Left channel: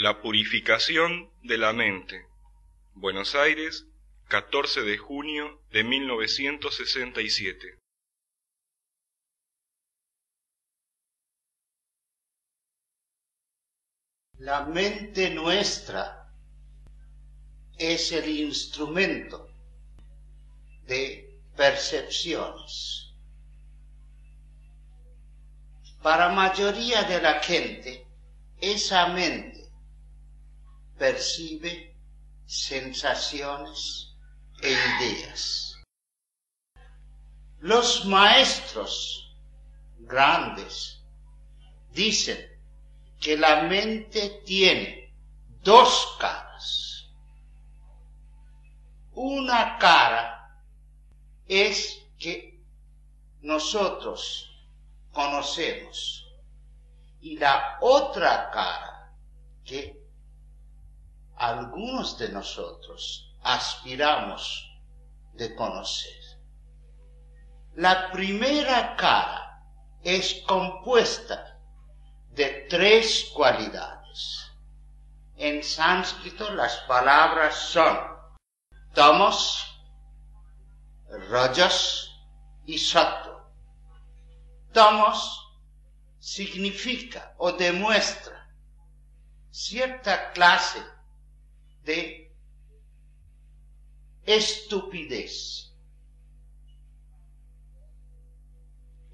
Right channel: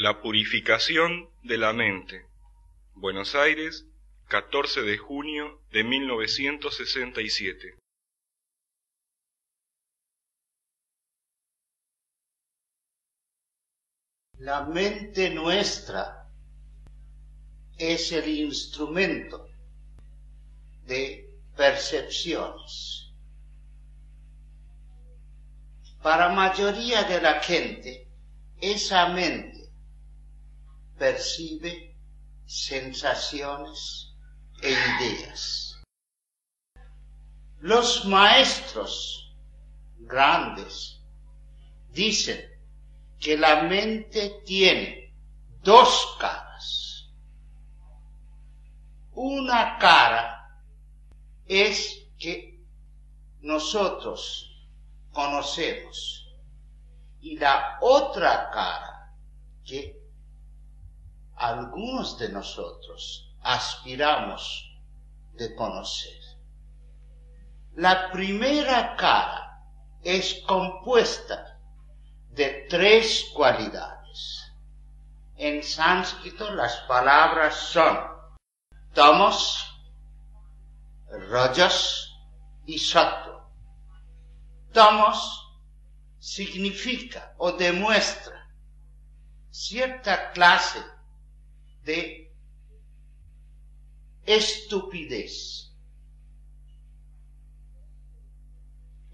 La purificación de la mente. Buenos Aires, 14 de junio de 1967. La mente nuestra es el instrumento de percepciones. Para la mayoría de la gente, esa mente percibe sensaciones e ideas. Los maestros grandes dicen que la mente tiene dos caras. Una cara es que nosotros conocemos y la otra cara que algunos de nosotros aspiramos de conocer. La primera cara es compuesta de tres cualidades. En sánscrito las palabras son tamas, rajas y sattva. Tamas significa o demuestra cierta clase de estupidez.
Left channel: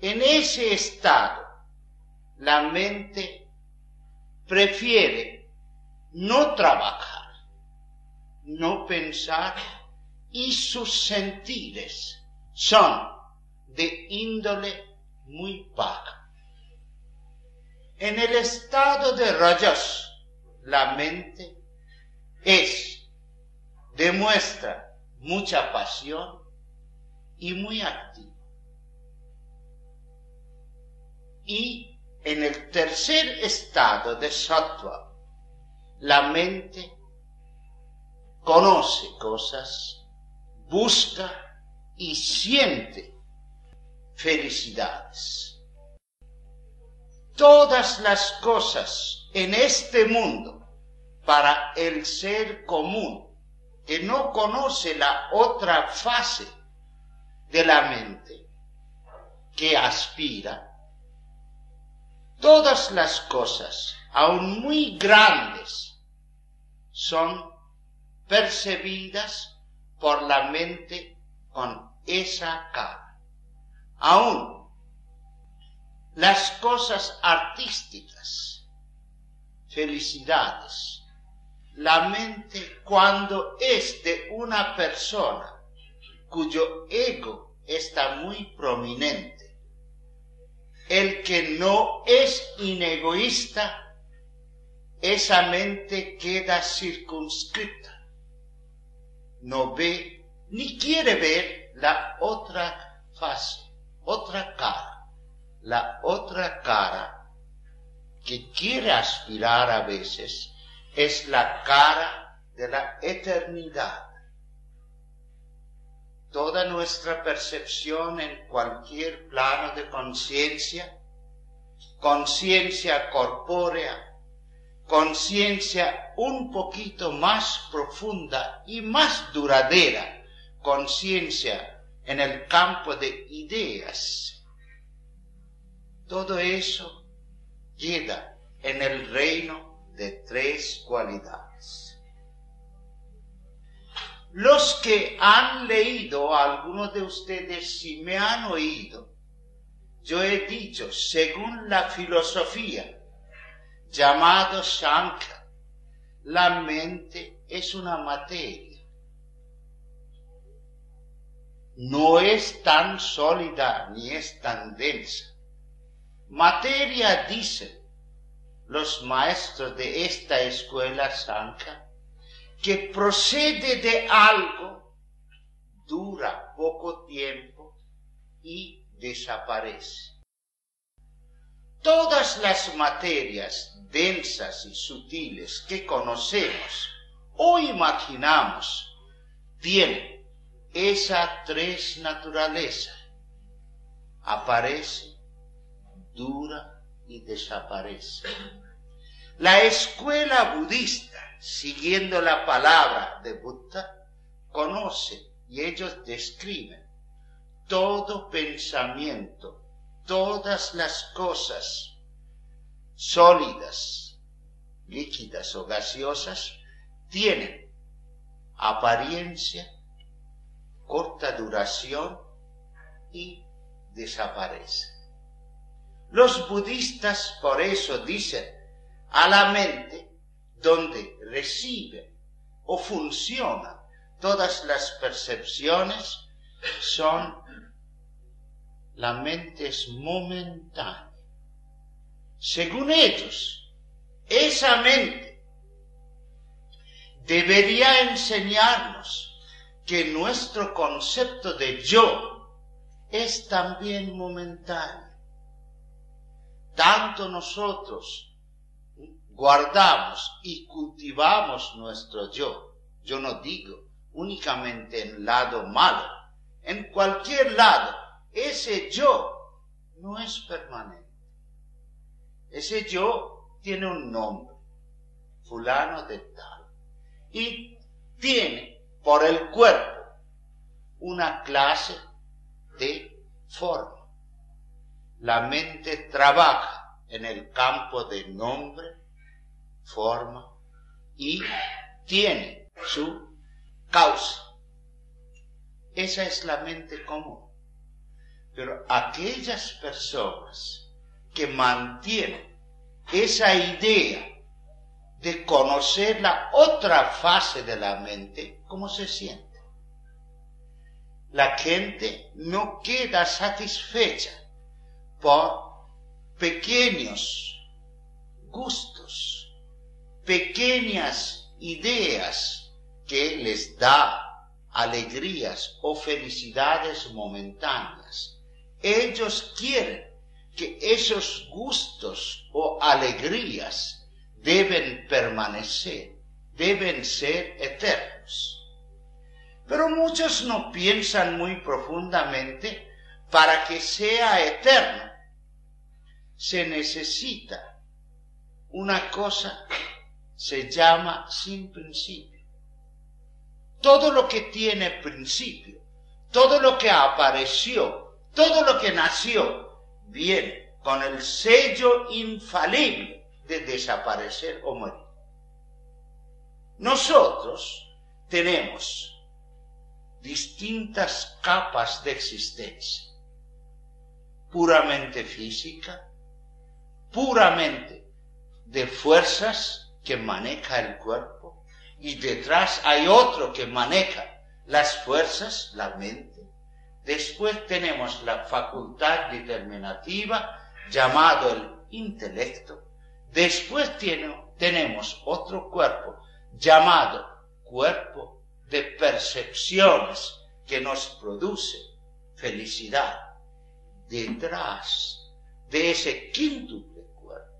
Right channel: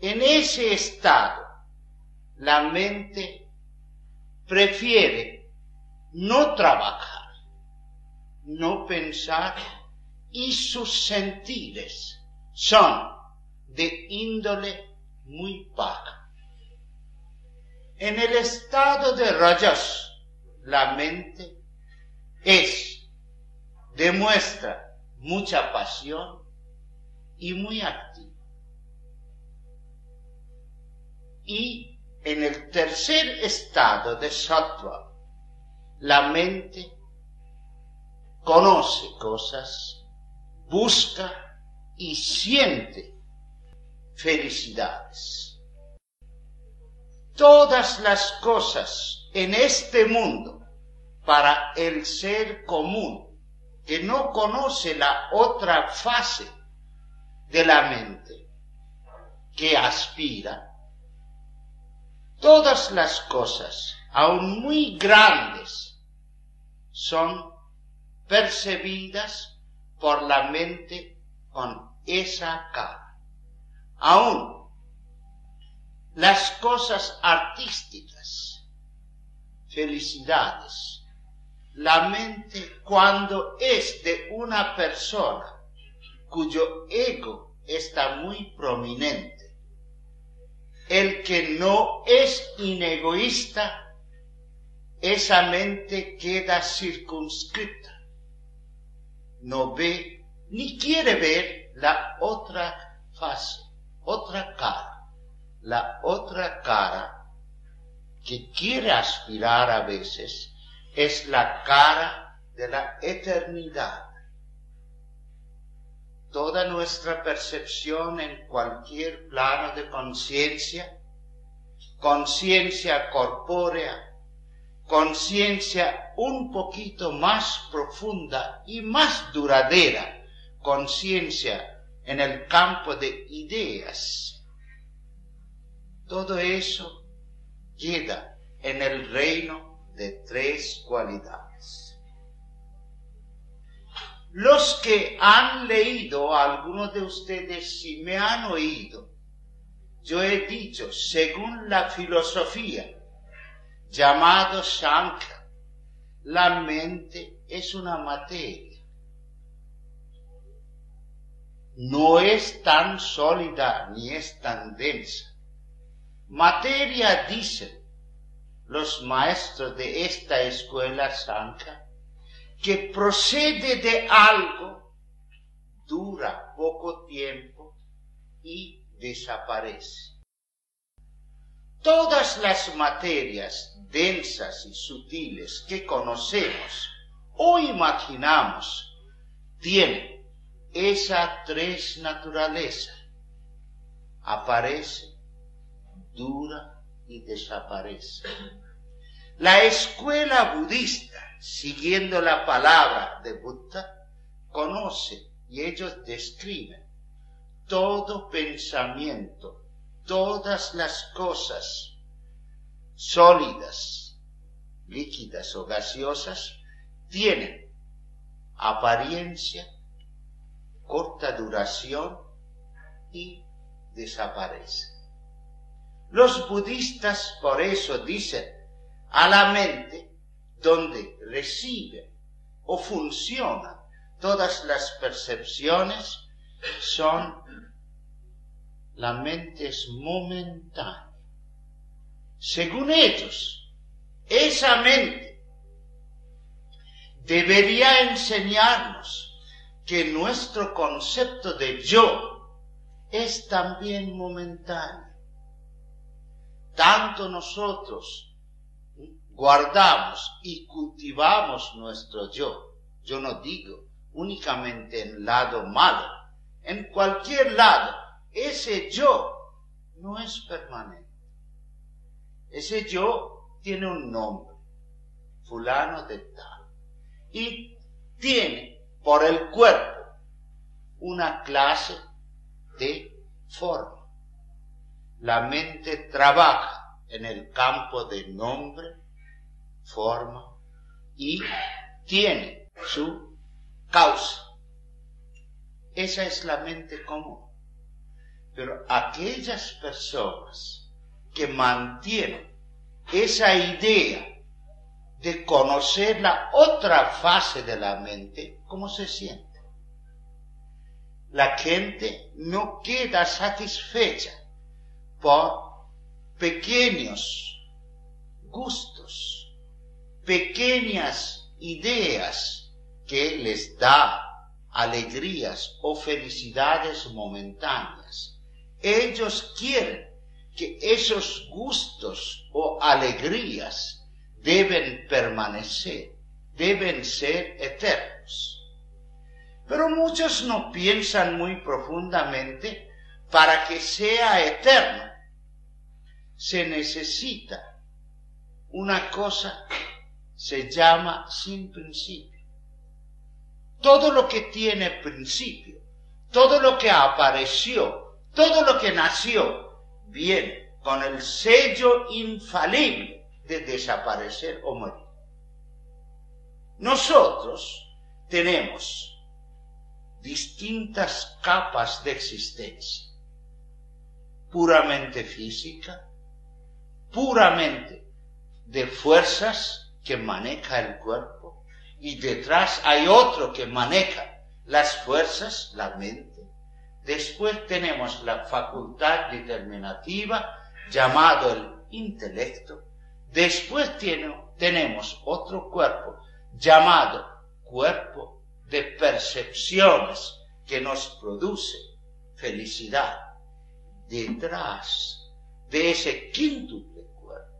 En ese estado, la mente prefiere no trabajar, no pensar, y sus sentires son de índole muy baja. En el estado de rajas, la mente demuestra mucha pasión y muy activa. Y en el tercer estado de sattva, la mente conoce cosas, busca y siente felicidades. Todas las cosas en este mundo, para el ser común, que no conoce la otra fase de la mente, que aspira, todas las cosas, aun muy grandes, son percibidas por la mente con esa cara. Aun las cosas artísticas, felicidades, la mente cuando es de una persona cuyo ego está muy prominente, el que no es inegoísta, esa mente queda circunscrita, no ve ni quiere ver la otra fase, otra cara, la otra cara que quiere aspirar a veces es la cara de la eternidad. Toda nuestra percepción en cualquier plano de conciencia, conciencia corpórea, conciencia un poquito más profunda y más duradera, conciencia en el campo de ideas, todo eso queda en el reino de tres cualidades. Los que han leído, algunos de ustedes si me han oído, yo he dicho, según la filosofía, llamado Sankhya, la mente es una materia. No es tan sólida ni es tan densa. Materia, dicen los maestros de esta escuela Sankhya, que procede de algo, dura poco tiempo y desaparece. Todas las materias densas y sutiles que conocemos o imaginamos tienen esa tres naturalezas. Aparece, dura y desaparece. La escuela budista, siguiendo la palabra de Buda, conoce y ellos describen todo pensamiento, todas las cosas sólidas, líquidas o gaseosas, tienen apariencia, corta duración y desaparecen. Los budistas por eso dicen a la mente, donde reciben o funcionan todas las percepciones, la mente es momentánea. Según ellos, esa mente debería enseñarnos que nuestro concepto de yo es también momentáneo. Tanto nosotros guardamos y cultivamos nuestro yo. Yo no digo únicamente en el lado malo. En cualquier lado, ese yo no es permanente. Ese yo tiene un nombre, fulano de tal, y tiene por el cuerpo una clase de forma. La mente trabaja en el campo de nombre, forma, y tiene su causa. Esa es la mente común. Pero aquellas personas que mantienen esa idea de conocer la otra fase de la mente, ¿cómo se siente? La gente no queda satisfecha por pequeños gustos, pequeñas ideas que les da alegrías o felicidades momentáneas. Ellos quieren que esos gustos o alegrías deben permanecer, deben ser eternos. Pero muchos no piensan muy profundamente. Para que sea eterno, se necesita una cosa, se llama sin principio. Todo lo que tiene principio, todo lo que apareció, todo lo que nació, viene con el sello infalible de desaparecer o morir. Nosotros tenemos distintas capas de existencia. Puramente física, puramente de fuerzas que maneja el cuerpo, y detrás hay otro que maneja las fuerzas, la mente. Después tenemos la facultad determinativa, llamado el intelecto. Después tenemos otro cuerpo, llamado cuerpo de percepciones, que nos produce felicidad. Detrás de ese quíntuple cuerpo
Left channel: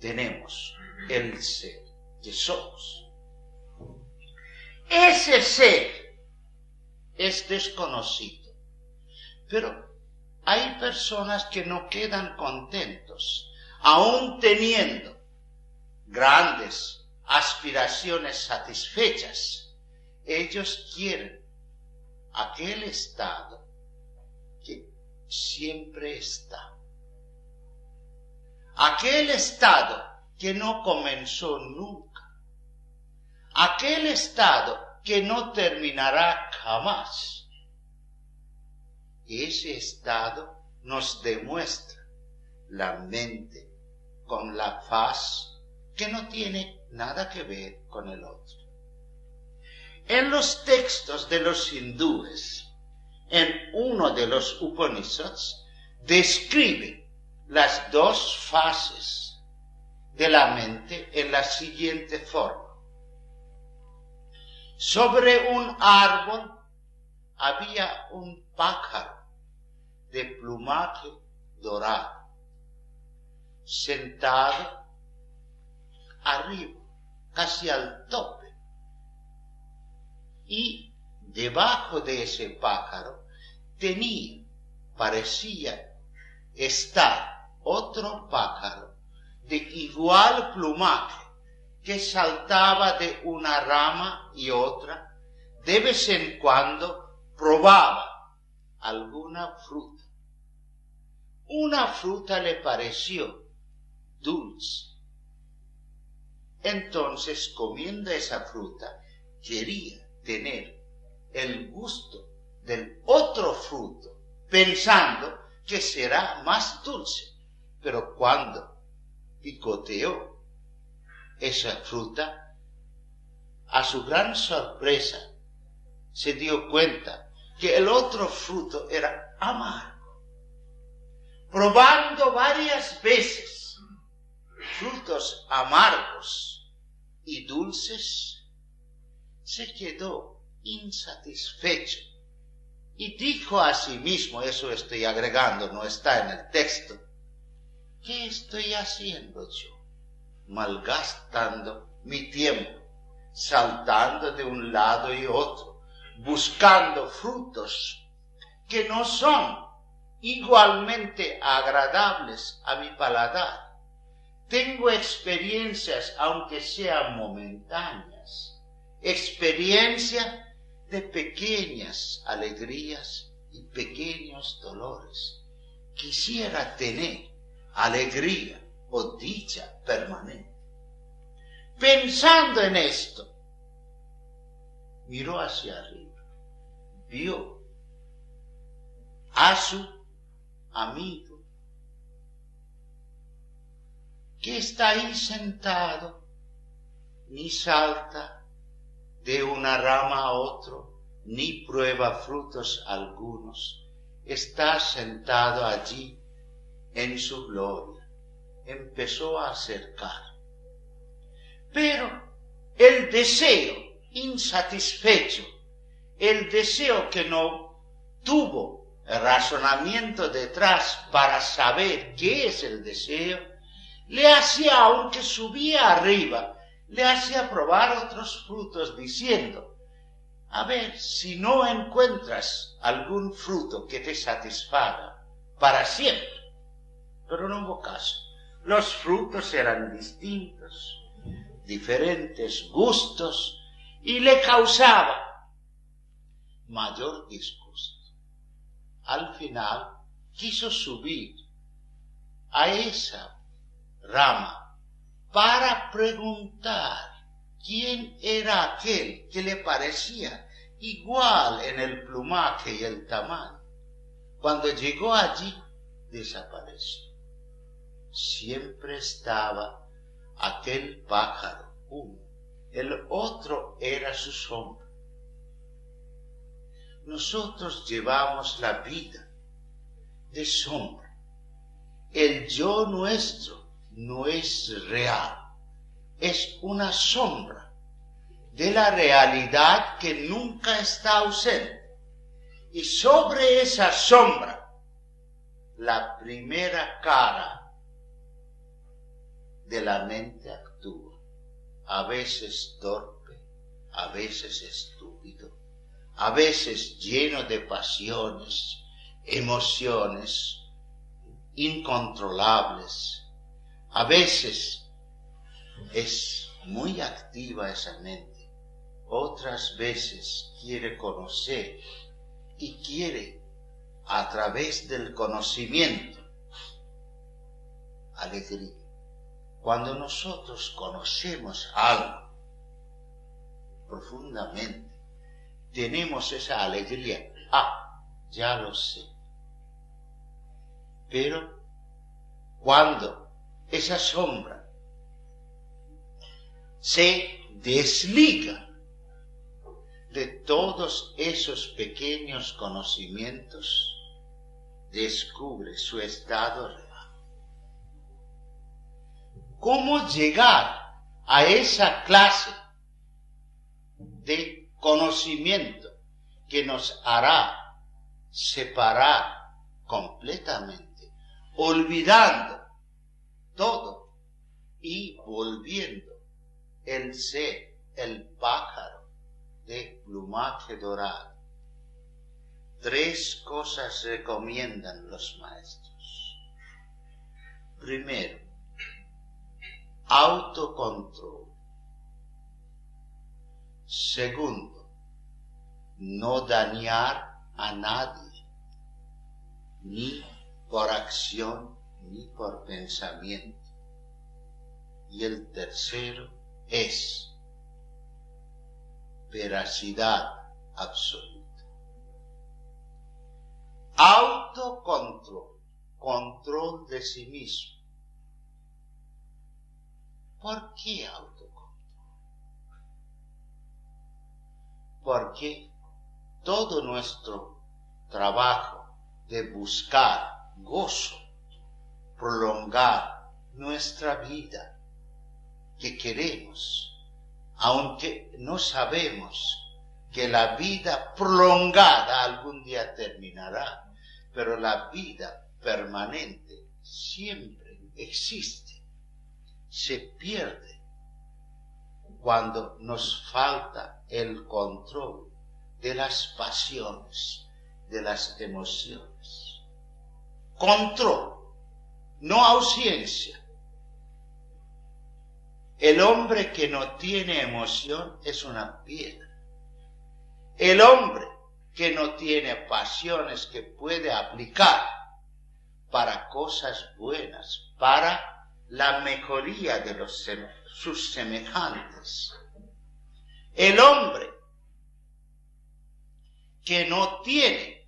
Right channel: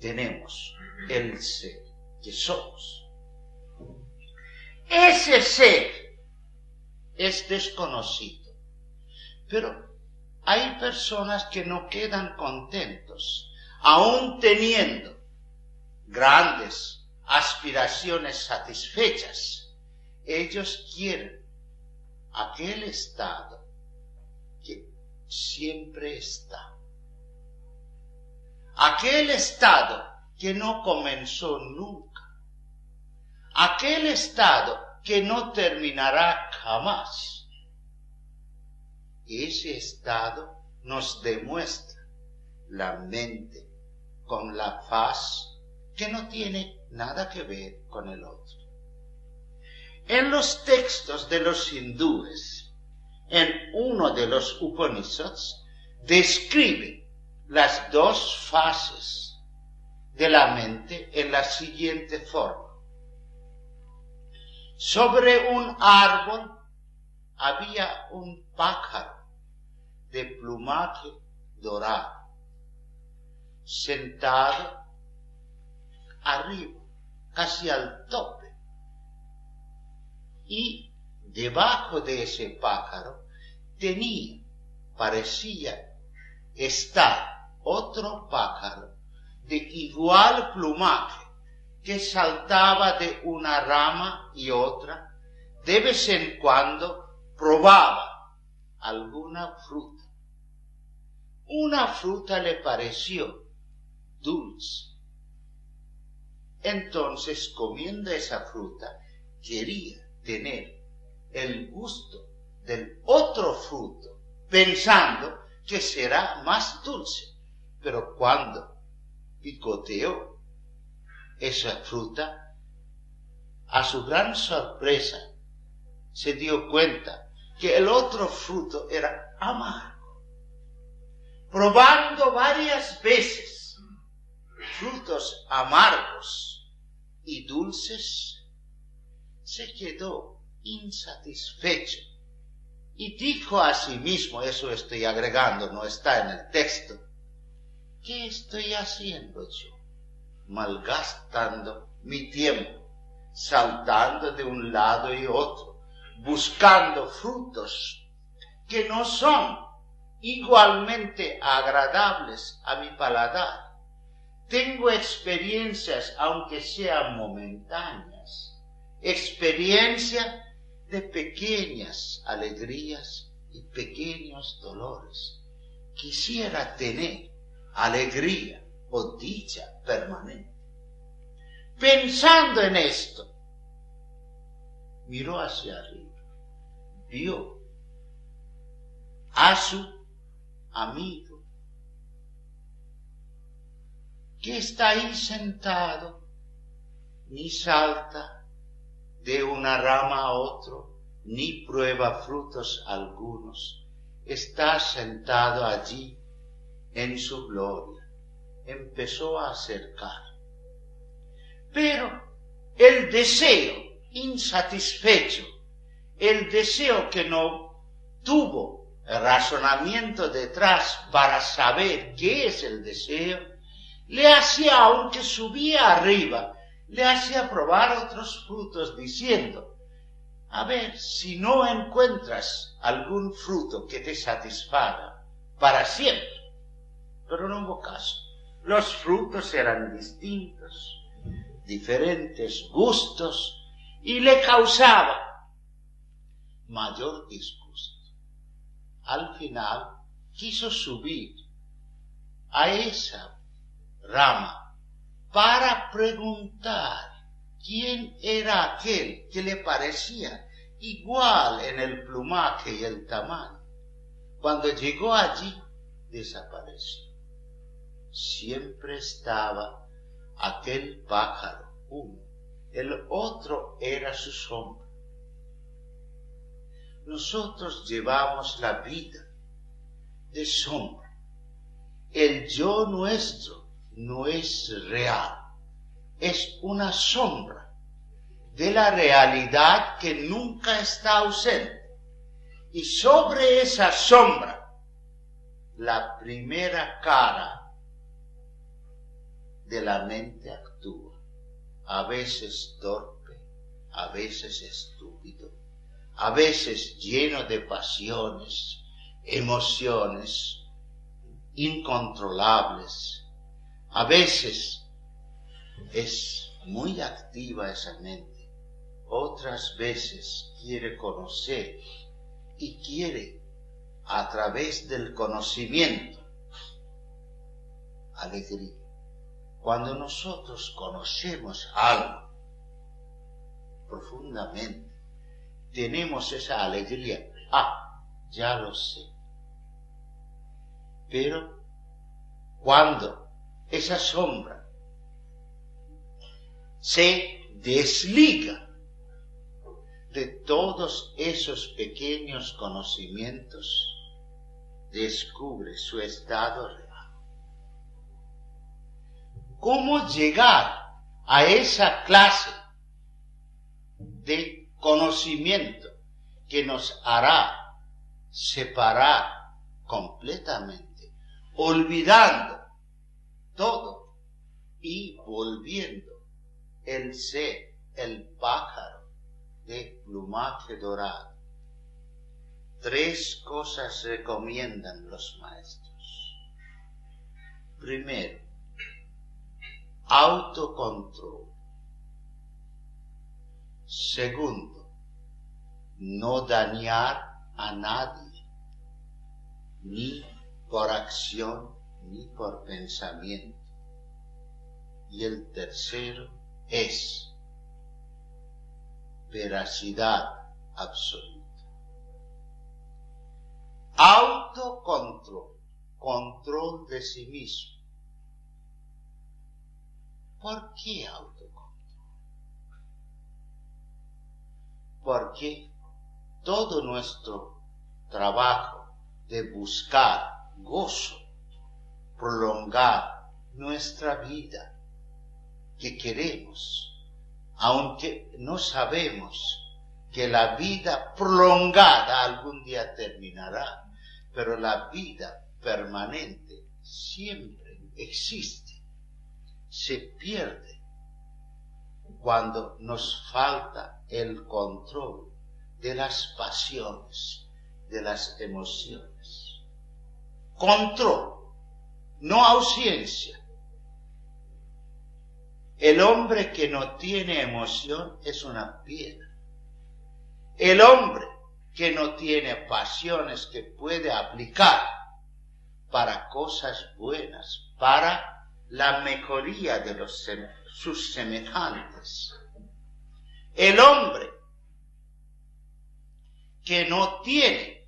tenemos el ser que somos. Ese ser es desconocido, pero hay personas que no quedan contentos, aún teniendo grandes aspiraciones satisfechas. Ellos quieren aquel estado que siempre está. Aquel estado que no comenzó nunca. Aquel estado que no terminará jamás. Ese estado nos demuestra la mente con la faz que no tiene nada que ver con el otro. En los textos de los hindúes, en uno de los Upanishads, describe las dos fases de la mente en la siguiente forma. Sobre un árbol había un pájaro de plumaje dorado, sentado arriba, casi al tope. Y debajo de ese pájaro parecía estar otro pájaro de inusual plumaje que saltaba de una rama y otra, de vez en cuando probaba alguna fruta. Una fruta le pareció dulce. Entonces, comiendo esa fruta, quería tener el gusto del otro fruto, pensando que será más dulce. Pero cuando picoteó esa fruta, a su gran sorpresa, se dio cuenta que el otro fruto era amargo. Probando varias veces frutos amargos y dulces, se quedó insatisfecho y dijo a sí mismo, eso estoy agregando, no está en el texto, ¿qué estoy haciendo yo? Malgastando mi tiempo, saltando de un lado y otro, buscando frutos que no son igualmente agradables a mi paladar. Tengo experiencias, aunque sean momentáneas, experiencia de pequeñas alegrías y pequeños dolores. Quisiera tener alegría o dicha permanente. Pensando en esto, miró hacia arriba, vio a su amigo que está ahí sentado, ni salta de una rama a otro, ni prueba frutos algunos. Está sentado allí en su gloria. Empezó a acercar. Pero el deseo insatisfecho, el deseo que no tuvo el razonamiento detrás para saber qué es el deseo, le hacía, aunque subía arriba, le hacía probar otros frutos diciendo, a ver si no encuentras algún fruto que te satisfaga para siempre. Pero no hubo caso. Los frutos eran distintos, diferentes gustos, y le causaba mayor disgusto. Al final quiso subir a esa rama para preguntar quién era aquel que le parecía igual en el plumaje y el tamaño. Cuando llegó allí, desapareció. Siempre estaba aquel pájaro uno, el otro era su sombra. Nosotros llevamos la vida de sombra. El yo nuestro no es real, es una sombra de la realidad que nunca está ausente. Y sobre esa sombra, la primera cara de la mente actúa, a veces torpe, a veces estúpido, a veces lleno de pasiones, emociones incontrolables, a veces es muy activa esa mente, otras veces quiere conocer y quiere a través del conocimiento alegría. Cuando nosotros conocemos algo profundamente, tenemos esa alegría. Ah, ya lo sé. Pero cuando esa sombra se desliga de todos esos pequeños conocimientos, descubre su estado real. ¿Cómo llegar a esa clase de conocimiento que nos hará separar completamente, olvidando todo y volviendo el ser, el pájaro de plumaje dorado? 3 cosas recomiendan los maestros. Primero, no dañar a nadie, ni por acción ni por pensamiento. Y el tercero es veracidad absoluta. Autocontrol, control de sí mismo. ¿Por qué autocontrol? Porque todo nuestro trabajo de buscar gozo, prolongar nuestra vida que queremos, aunque no sabemos que la vida prolongada algún día terminará, pero la vida permanente siempre existe, se pierde cuando nos falta el control de las pasiones, de las emociones. Control, no ausencia. El hombre que no tiene emoción es una piedra. El hombre que no tiene pasiones que puede aplicar para cosas buenas, para la mejoría de sus semejantes. El hombre que no tiene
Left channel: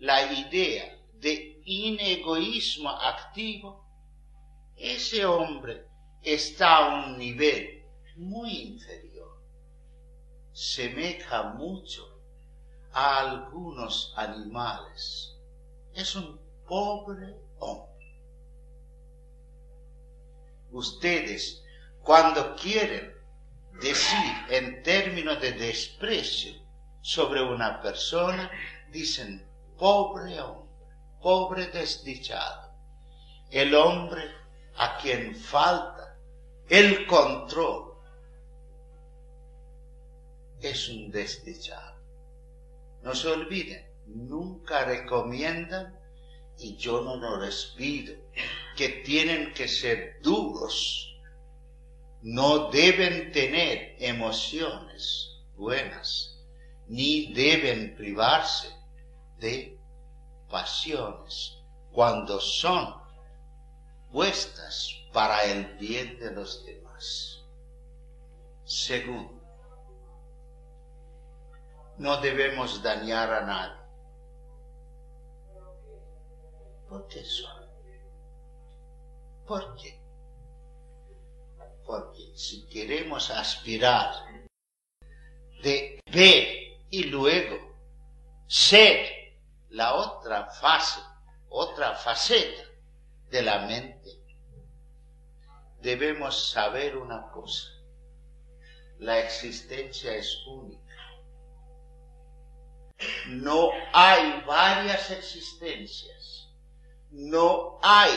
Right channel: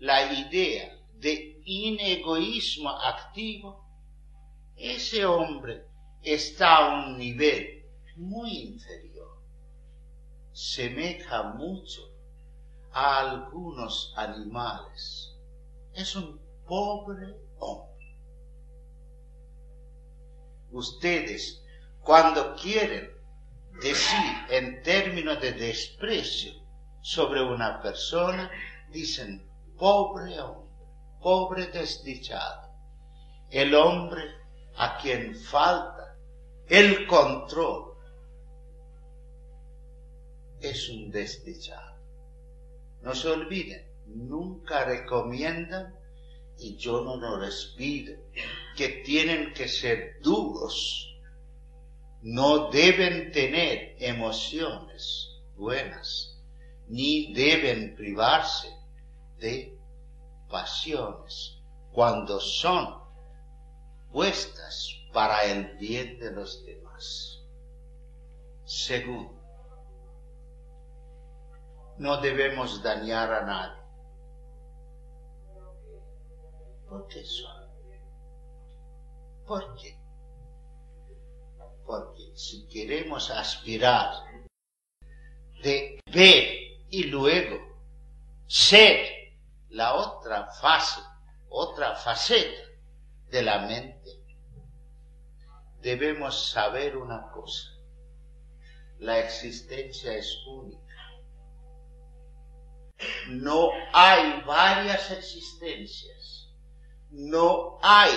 la idea de inegoísmo activo, ese hombre está a un nivel muy inferior. Semeja mucho a algunos animales. Es un pobre hombre. Ustedes, cuando quieren decir en términos de desprecio sobre una persona, dicen pobre hombre, pobre desdichado. El hombre a quien falta el control es un desdichado. No se olviden, nunca recomiendan, y yo no lo les pido, que tienen que ser duros. No deben tener emociones buenas, ni deben privarse de pasiones cuando son puestas para el bien de los demás. Segundo, no debemos dañar a nadie. ¿Por qué solo? ¿Por qué? Porque si queremos aspirar de ver y luego ser la otra fase, otra faceta de la mente, debemos saber una cosa: la existencia es única. No hay varias existencias, no hay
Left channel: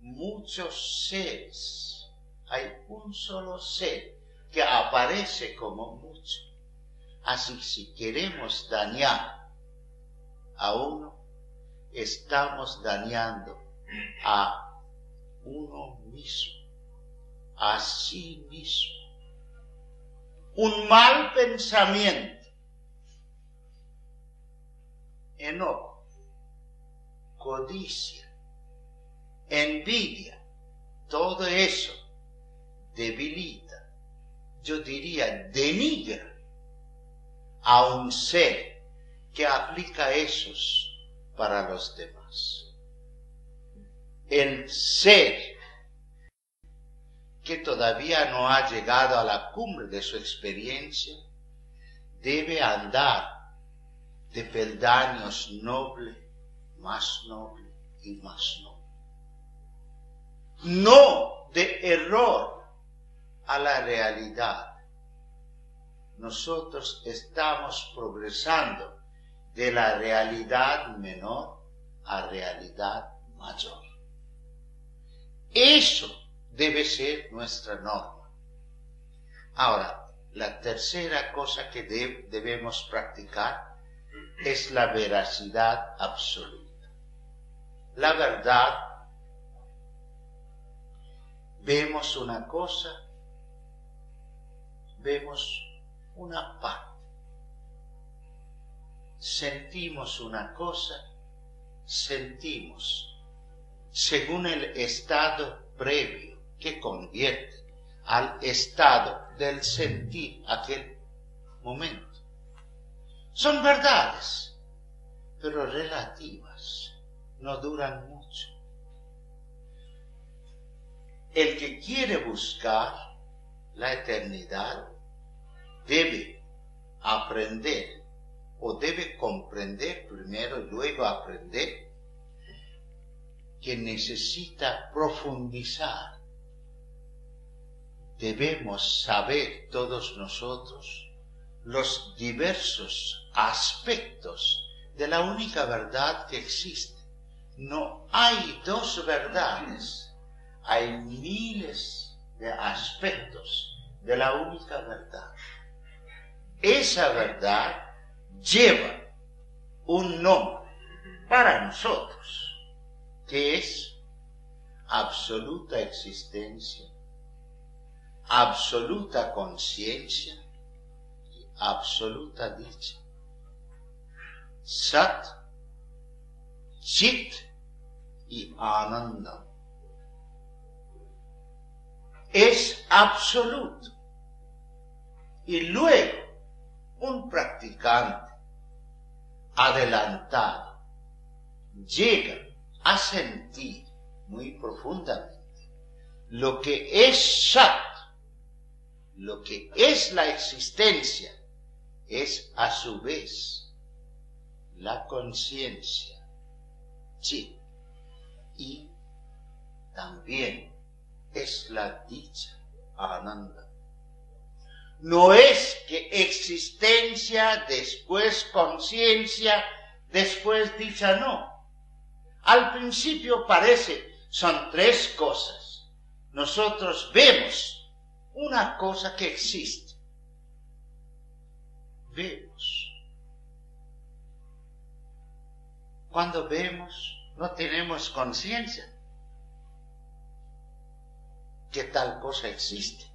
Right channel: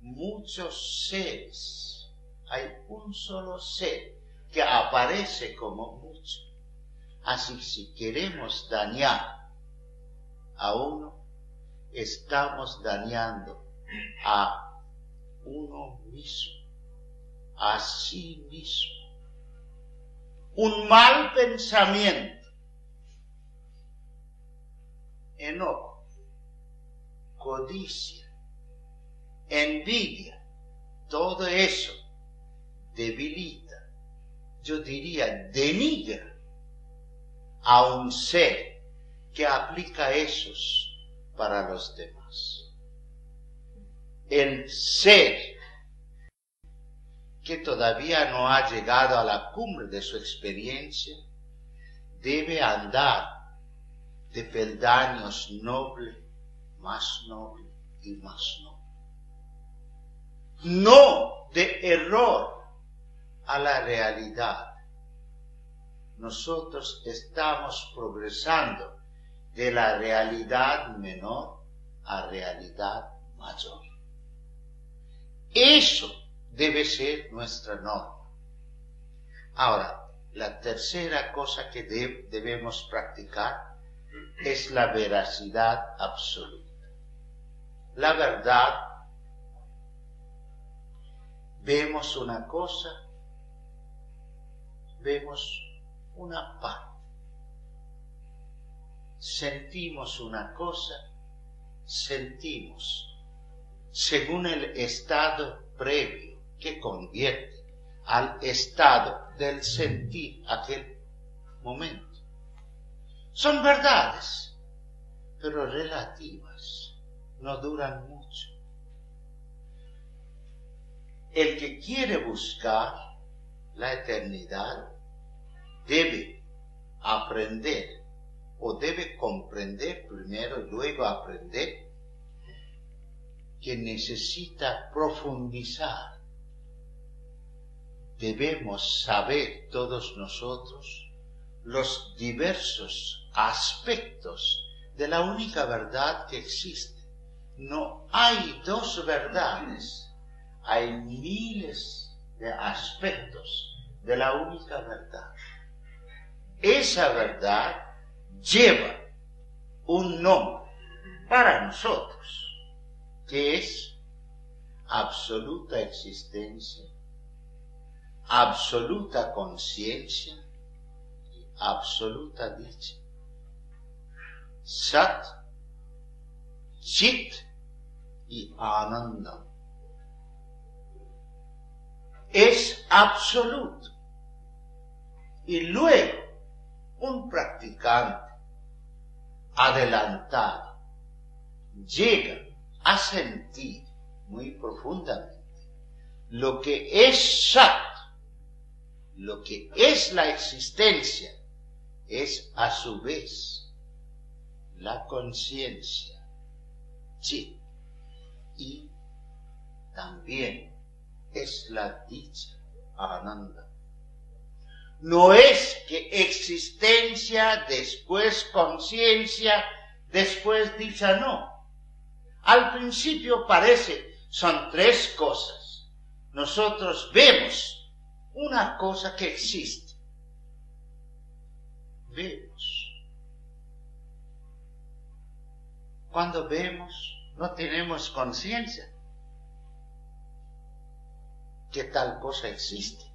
muchos seres, hay un solo ser que aparece como mucho. Así que si queremos dañar a uno, estamos dañando a uno mismo, a sí mismo. Un mal pensamiento, enojo, codicia, envidia, todo eso debilita, yo diría denigra a un ser que aplica esos para los demás. El ser que todavía no ha llegado a la cumbre de su experiencia debe andar de peldaños noble, más noble y más noble. No de error a la realidad. Nosotros estamos progresando de la realidad menor a realidad mayor. Eso debe ser nuestra norma. Ahora, la tercera cosa que debemos practicar es la veracidad absoluta. La verdad, vemos una cosa, vemos una parte. oímos una cosa, sentimos, según el estado previo que convierte al estado del sentir aquel momento. Son verdades, pero relativas, no duran mucho. El que quiere buscar la eternidad debe aprender, o debe comprender primero y luego aprender, que necesita profundizar. Debemos saber todos nosotros los diversos aspectos de la única verdad que existe. No hay dos verdades, hay miles de aspectos de la única verdad. Esa verdad lleva un nombre para nosotros, que es absoluta existencia, absoluta conciencia y absoluta dicha. Sat, Chit y Ananda. Es absoluto. Y luego un practicante adelantado llega a sentir muy profundamente lo que es Sat, lo que es la existencia, es a su vez la conciencia, Chit, y también es la dicha, Ananda. No es que existencia, después conciencia, después dicha, no. Al principio parece, son tres cosas. Nosotros vemos una cosa que existe. Vemos. Cuando vemos, no tenemos conciencia que tal cosa existe.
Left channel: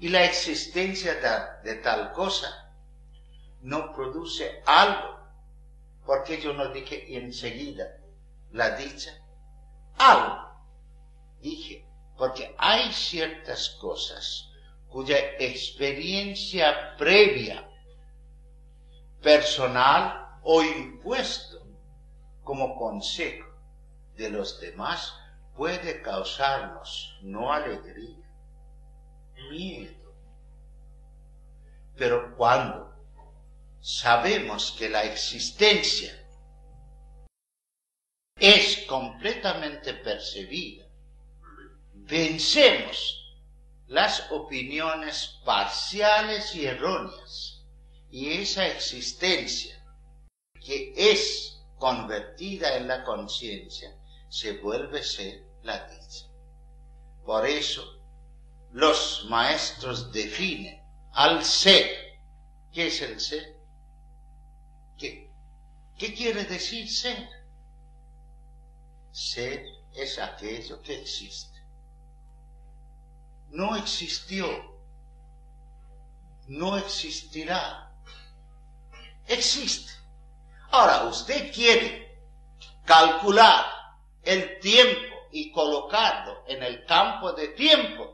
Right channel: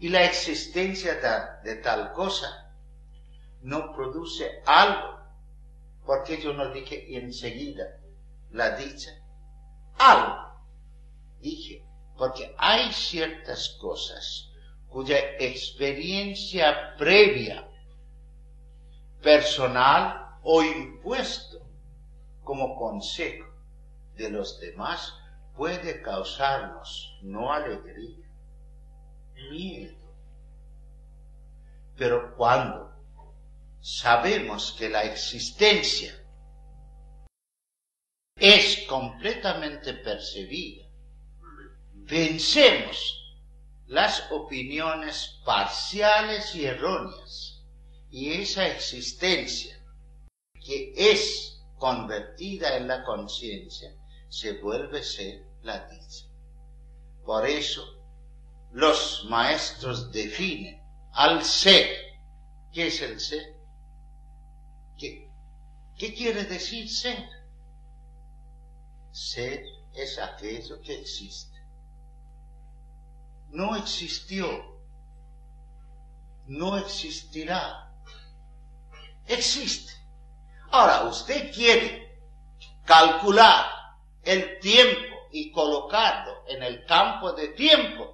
Y la existencia de tal cosa no produce algo, porque yo no dije enseguida la dicha, algo. Dije, porque hay ciertas cosas cuya experiencia previa, personal o impuesto como consejo de los demás puede causarnos no alegría, miedo. Pero cuando sabemos que la existencia es completamente percibida, vencemos las opiniones parciales y erróneas, y esa existencia que es convertida en la conciencia se vuelve a ser la dicha. Por eso los maestros definen al ser. ¿Qué es el ser? ¿Qué quiere decir ser? Ser es aquello que existe. No existió, no existirá, existe. Ahora, usted quiere calcular el tiempo y colocarlo en el campo de tiempo.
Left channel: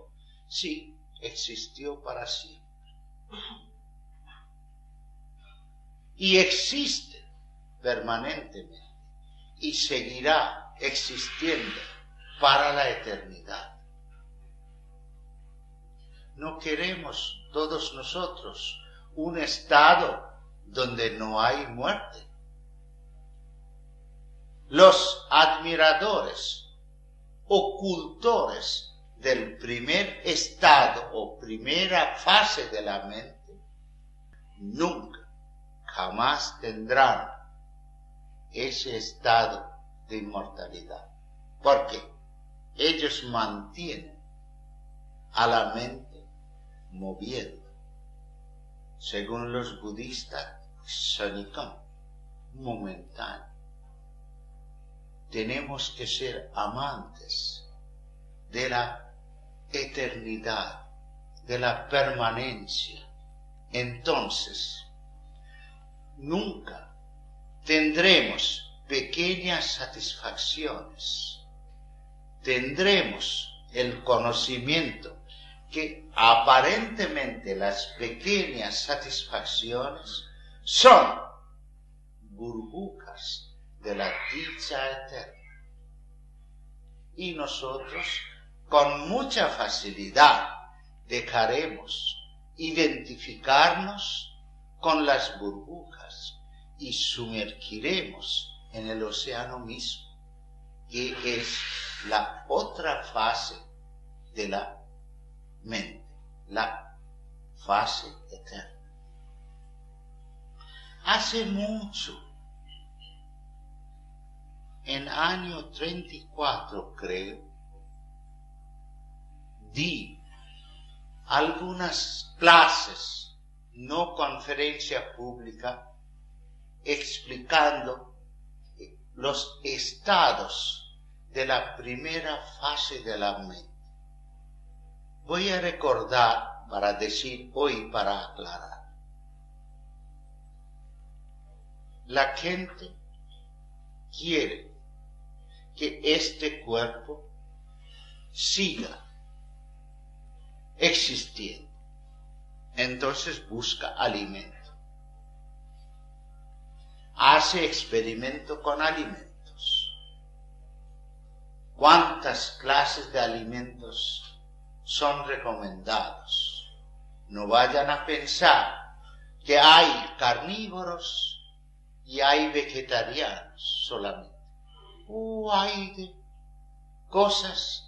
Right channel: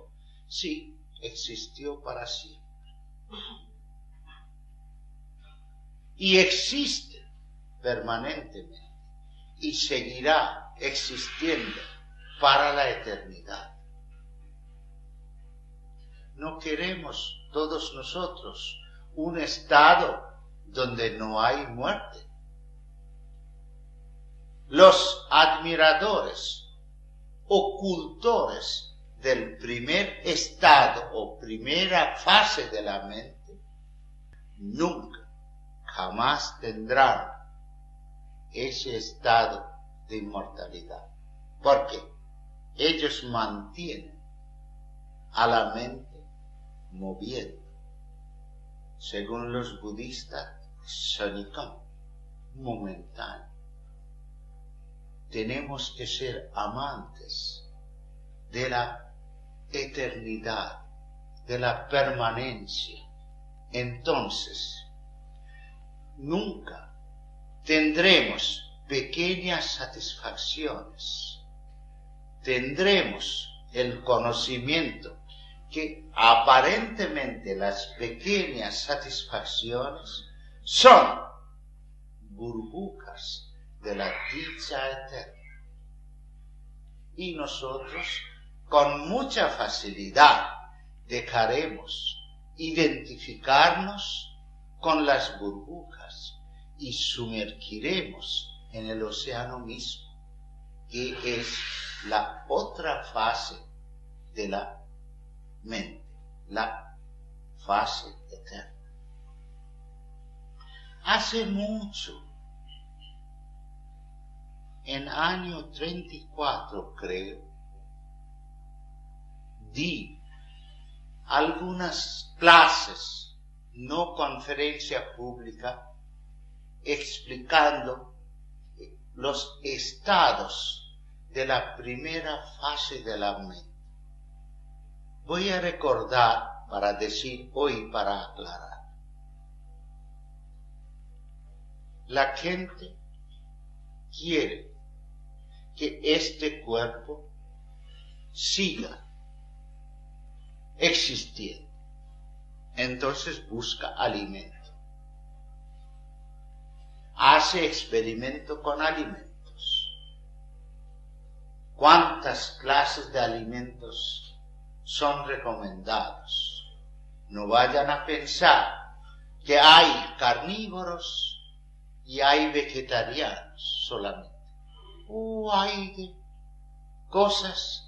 Sí, existió para siempre. Y existe permanentemente y seguirá existiendo para la eternidad. No queremos todos nosotros un estado donde no hay muerte. Los admiradores, ocultores del primer estado o primera fase de la mente, nunca, jamás tendrán ese estado de inmortalidad, porque ellos mantienen a la mente moviendo, según los budistas, kshanika, momentáneo. Tenemos que ser amantes de la eternidad, de la permanencia. Entonces, nunca tendremos pequeñas satisfacciones, tendremos el conocimiento que aparentemente las pequeñas satisfacciones son burbujas de la dicha eterna. Y nosotros con mucha facilidad dejaremos identificarnos con las burbujas y sumergiremos en el océano mismo, que es la otra fase de la mente, la fase eterna. Hace mucho, en año 34 creo, di algunas clases, no conferencia pública, explicando los estados de la primera fase de la mente. Voy a recordar para decir hoy, para aclarar. La gente quiere que este cuerpo siga existiendo. Entonces busca alimento. Hace experimento con alimentos. ¿Cuántas clases de alimentos son recomendados? No vayan a pensar que hay carnívoros y hay vegetarianos solamente. Hay de cosas.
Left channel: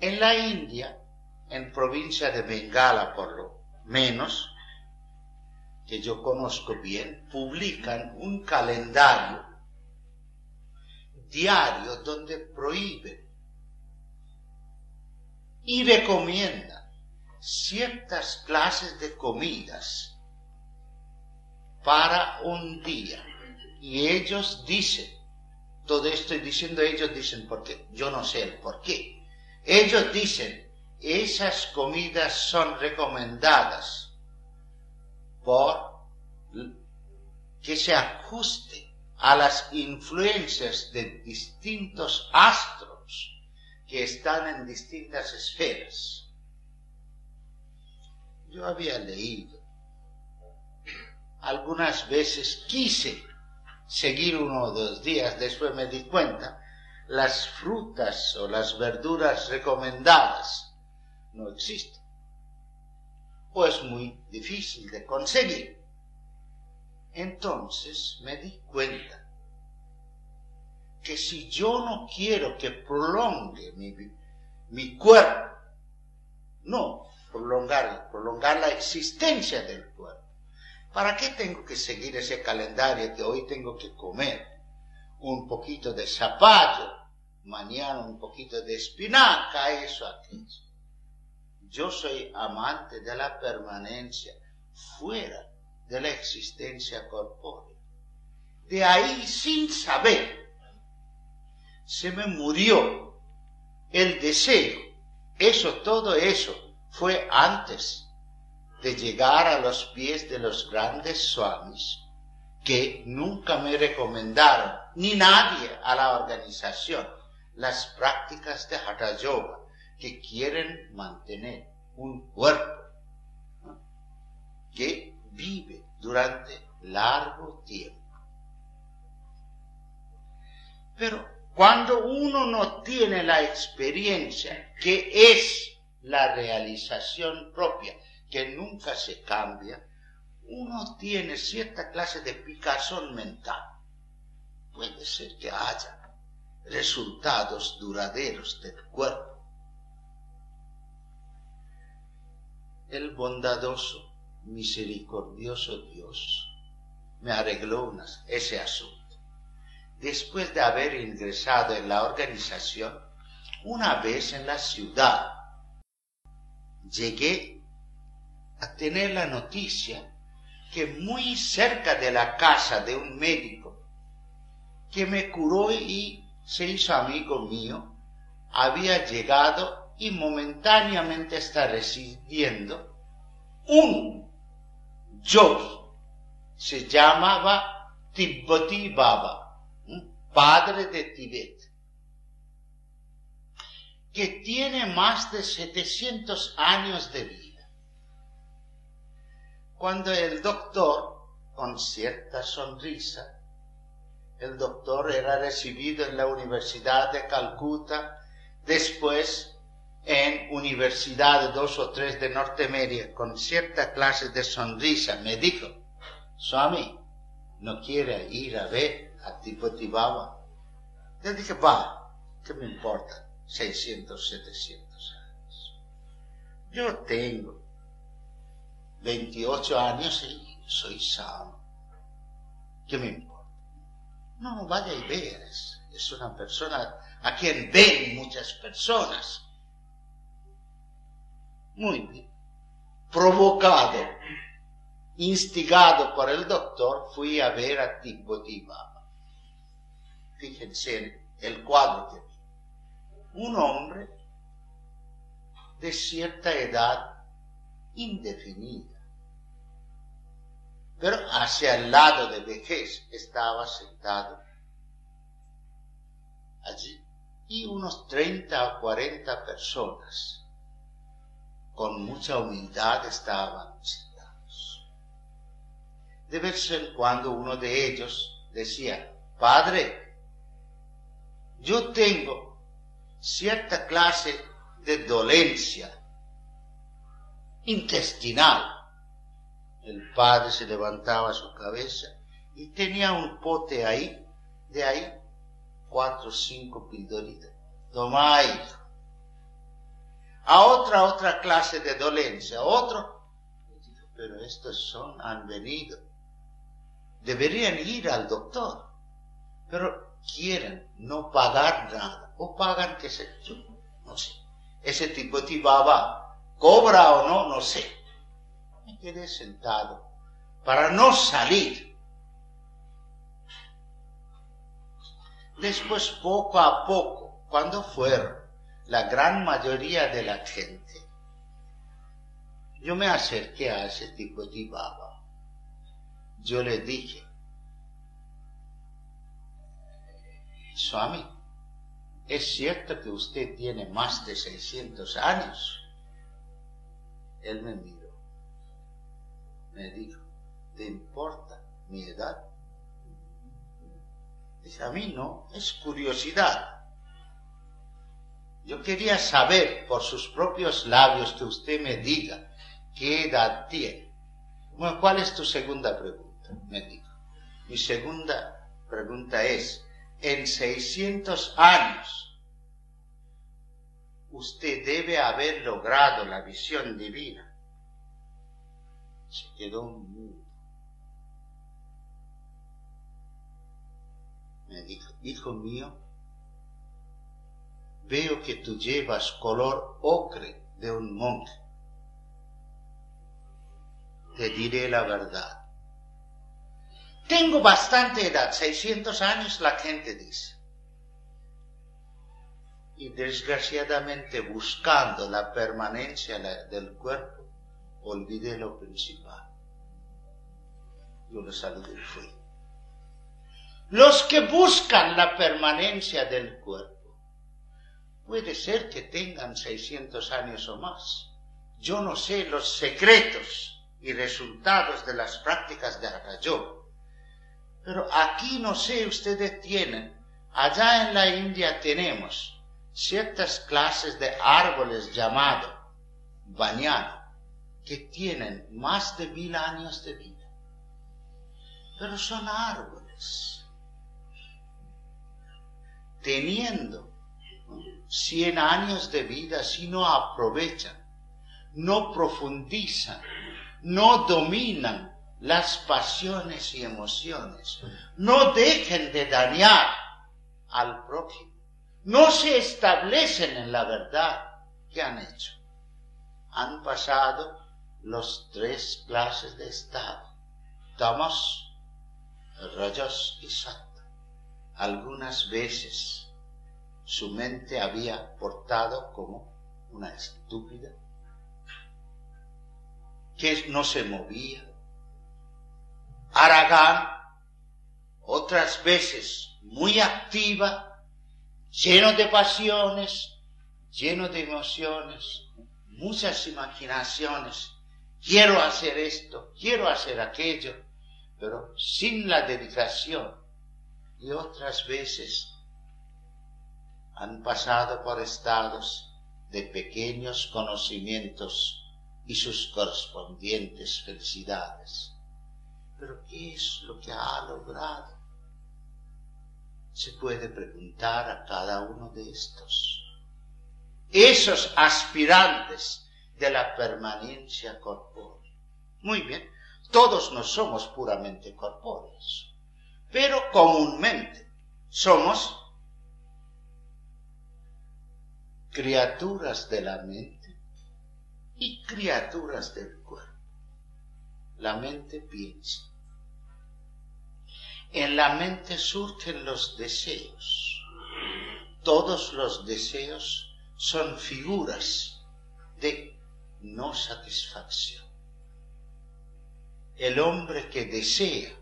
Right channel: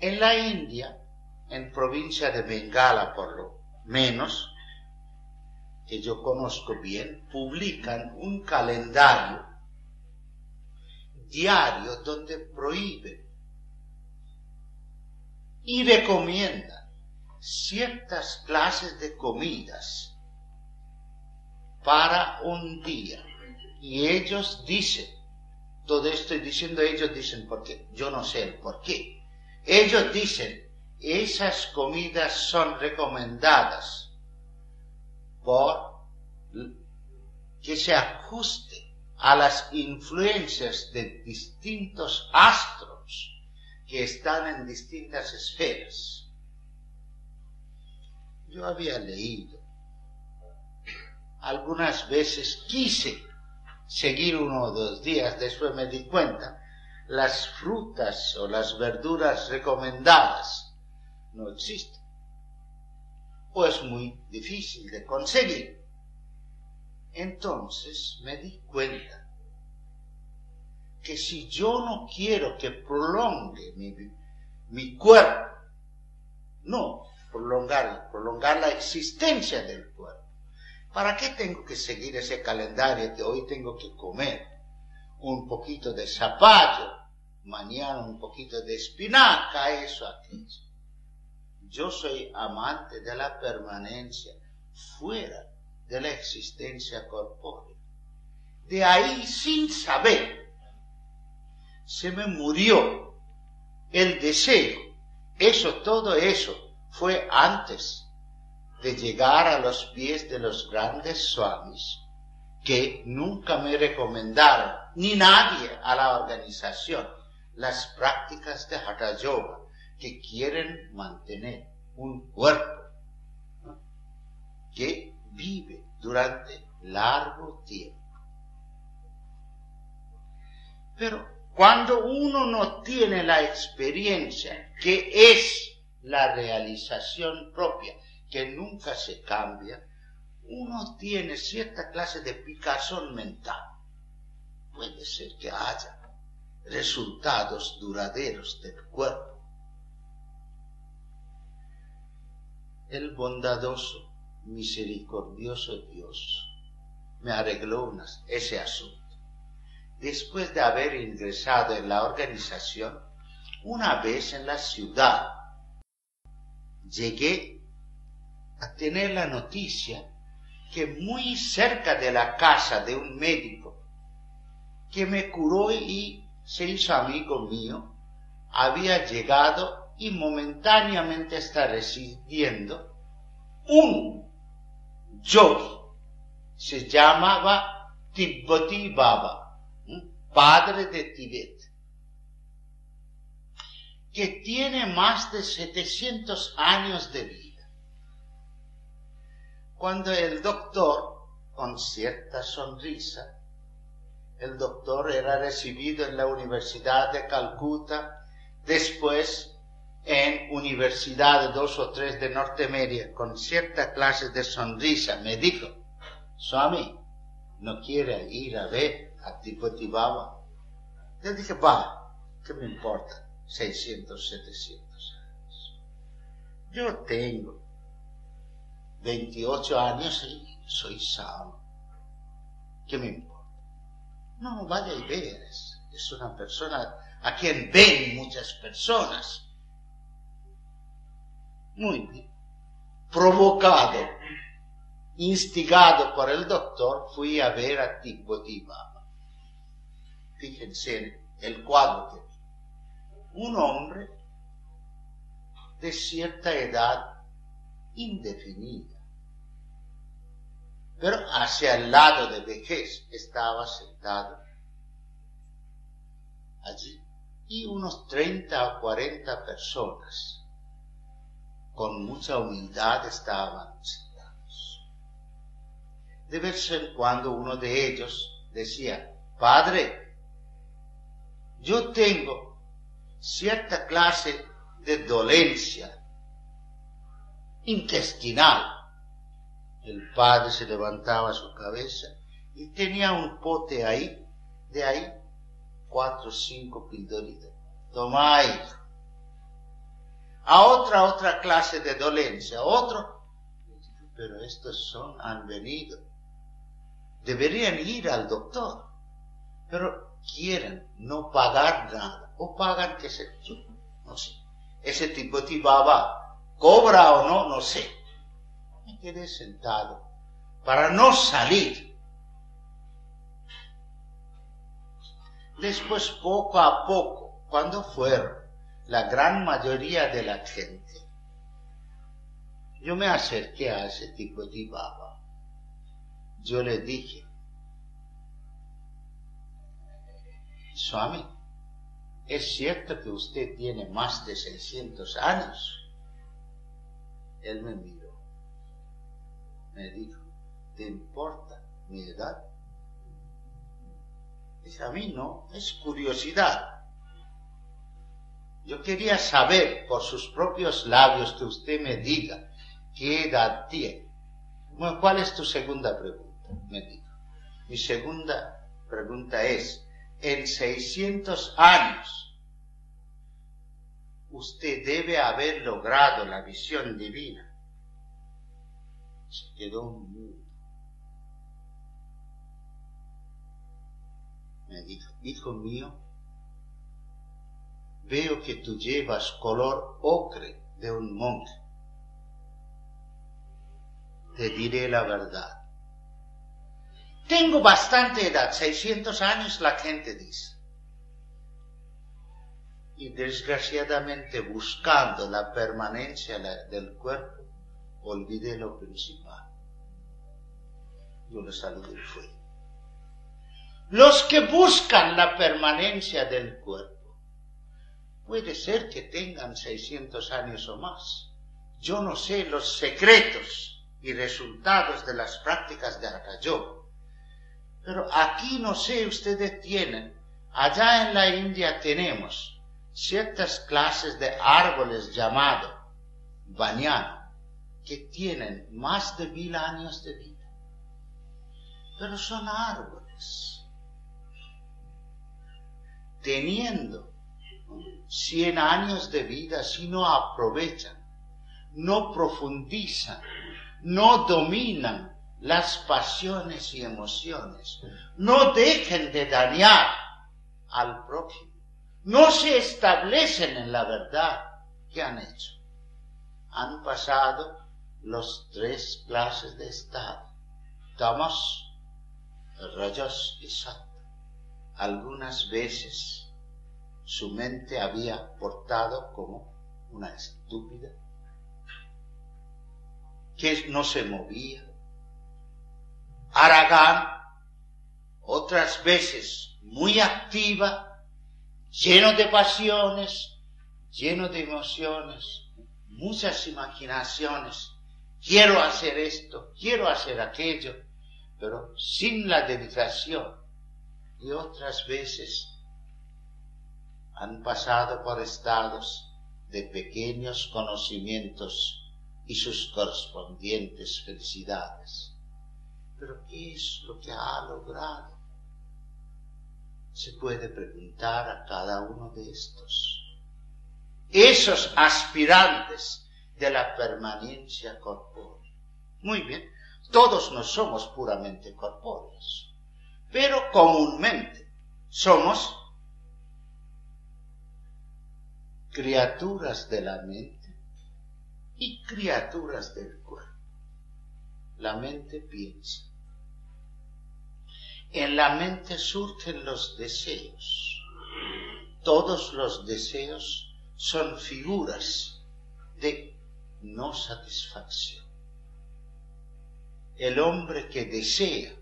En la India, en provincia de Bengala por lo menos, que yo conozco bien, publican un calendario diario donde prohíben y recomiendan ciertas clases de comidas para un día. Y ellos dicen, todo estoy diciendo ellos dicen porque yo no sé el por qué. Ellos dicen, esas comidas son recomendadas por que se ajuste a las influencias de distintos astros que están en distintas esferas. Yo había leído, algunas veces quise seguir 1 o 2 días, después me di cuenta, las frutas o las verduras recomendadas no existen, o es muy difícil de conseguir. Entonces me di cuenta que si yo no quiero que prolongue mi cuerpo, no prolongar la existencia del cuerpo, ¿para qué tengo que seguir ese calendario que hoy tengo que comer un poquito de zapallo, mañana un poquito de espinaca, eso, aquello? Yo soy amante de la permanencia fuera de la existencia corpórea. De ahí, sin saber, se me murió el deseo. Todo eso fue antes de llegar a los pies de los grandes swamis, que nunca me recomendaron, ni nadie a la organización, las prácticas de Hatha Yoga, que quieren mantener un cuerpo, ¿no?, que vive durante largo tiempo. Pero cuando uno no tiene la experiencia, que es la realización propia, que nunca se cambia, uno tiene cierta clase de picazón mental. Puede ser que haya resultados duraderos del cuerpo. El bondadoso, misericordioso Dios me arregló ese asunto. Después de haber ingresado en la organización, una vez en la ciudad, llegué a tener la noticia que muy cerca de la casa de un médico que me curó y se hizo amigo mío, había llegado y momentáneamente está residiendo un yogi se llamaba Tibbati Baba, padre de Tibet, que tiene más de 700 años de vida. Cuando el doctor, con cierta sonrisa, el doctor era recibido en la Universidad de Calcuta, después en universidades 2 o 3 de Norteamérica, con cierta clase de sonrisa, me dijo: Swami, ¿no quiere ir a ver a Tibbati Baba? Yo dije: va, ¿qué me importa? 600, 700 años. Yo tengo 28 años y soy sano. ¿Qué me importa? No, vaya y ver. Es una persona a quien ven muchas personas. Muy bien. Provocado, instigado por el doctor, fui a ver a Tibbati Baba. Fíjense en el cuadro que vi. Un hombre de cierta edad indefinida, pero hacia el lado de vejez estaba sentado allí, y unos 30 o 40 personas con mucha humildad estaban sentados. De vez en cuando uno de ellos decía: Padre, yo tengo cierta clase de dolencia intestinal. El padre se levantaba su cabeza y tenía un pote ahí, de ahí 4 o 5 pildoritas. Toma, hijo. A otra clase de dolencia, otro. Pero estos han venido. Deberían ir al doctor, pero quieren no pagar nada, o pagan que se... no sé. Ese Tibbati Baba cobra o no, no sé. Me quedé sentado para no salir. Después, poco a poco, cuando fueron la gran mayoría de la gente, yo me acerqué a ese Tibbati Baba. Yo le dije: Swami, ¿es cierto que usted tiene más de 600 años? Él me miró. Me dijo: ¿te importa mi edad? Dije: a mí no, es curiosidad. Yo quería saber por sus propios labios que usted me diga qué edad tiene. Bueno, ¿cuál es tu segunda pregunta? Me dijo. Mi segunda pregunta es: en 600 años, usted debe haber logrado la visión divina. Se quedó un minuto. Me dijo: hijo mío, veo que tú llevas color ocre de un monje. Te diré la verdad. Tengo bastante edad, 600 años la gente dice. Y desgraciadamente, buscando la permanencia del cuerpo, olvidé lo principal. Yo lo saludé y fui. Los que buscan la permanencia del cuerpo, puede ser que tengan 600 años o más. Yo no sé los secretos y resultados de las prácticas de Hatha Yoga. Pero aquí, no sé, ustedes tienen, allá en la India tenemos ciertas clases de árboles llamados bañano, que tienen más de 1000 años de vida. Pero son árboles. Teniendo 100 años de vida, si no aprovechan, no profundizan, no dominan las pasiones y emociones, no dejen de dañar al prójimo, no se establecen en la verdad, ¿qué han hecho? Han pasado los 3 clases de estado: tamas, rajas y sattva. Algunas veces su mente había portado como una estúpida, que no se movía, haragán, otras veces muy activa, lleno de pasiones, lleno de emociones, muchas imaginaciones. Quiero hacer esto, quiero hacer aquello, pero sin la dedicación. Y otras veces han pasado por estados de pequeños conocimientos y sus correspondientes felicidades. Pero ¿qué es lo que ha logrado? Se puede preguntar a cada uno de estos. Esos aspirantes de la permanencia corpórea. Muy bien, todos no somos puramente corpóreos, pero comúnmente somos criaturas de la mente y criaturas del cuerpo. La mente piensa. En la mente surgen los deseos. Todos los deseos son figuras de no satisfacción. El hombre que desea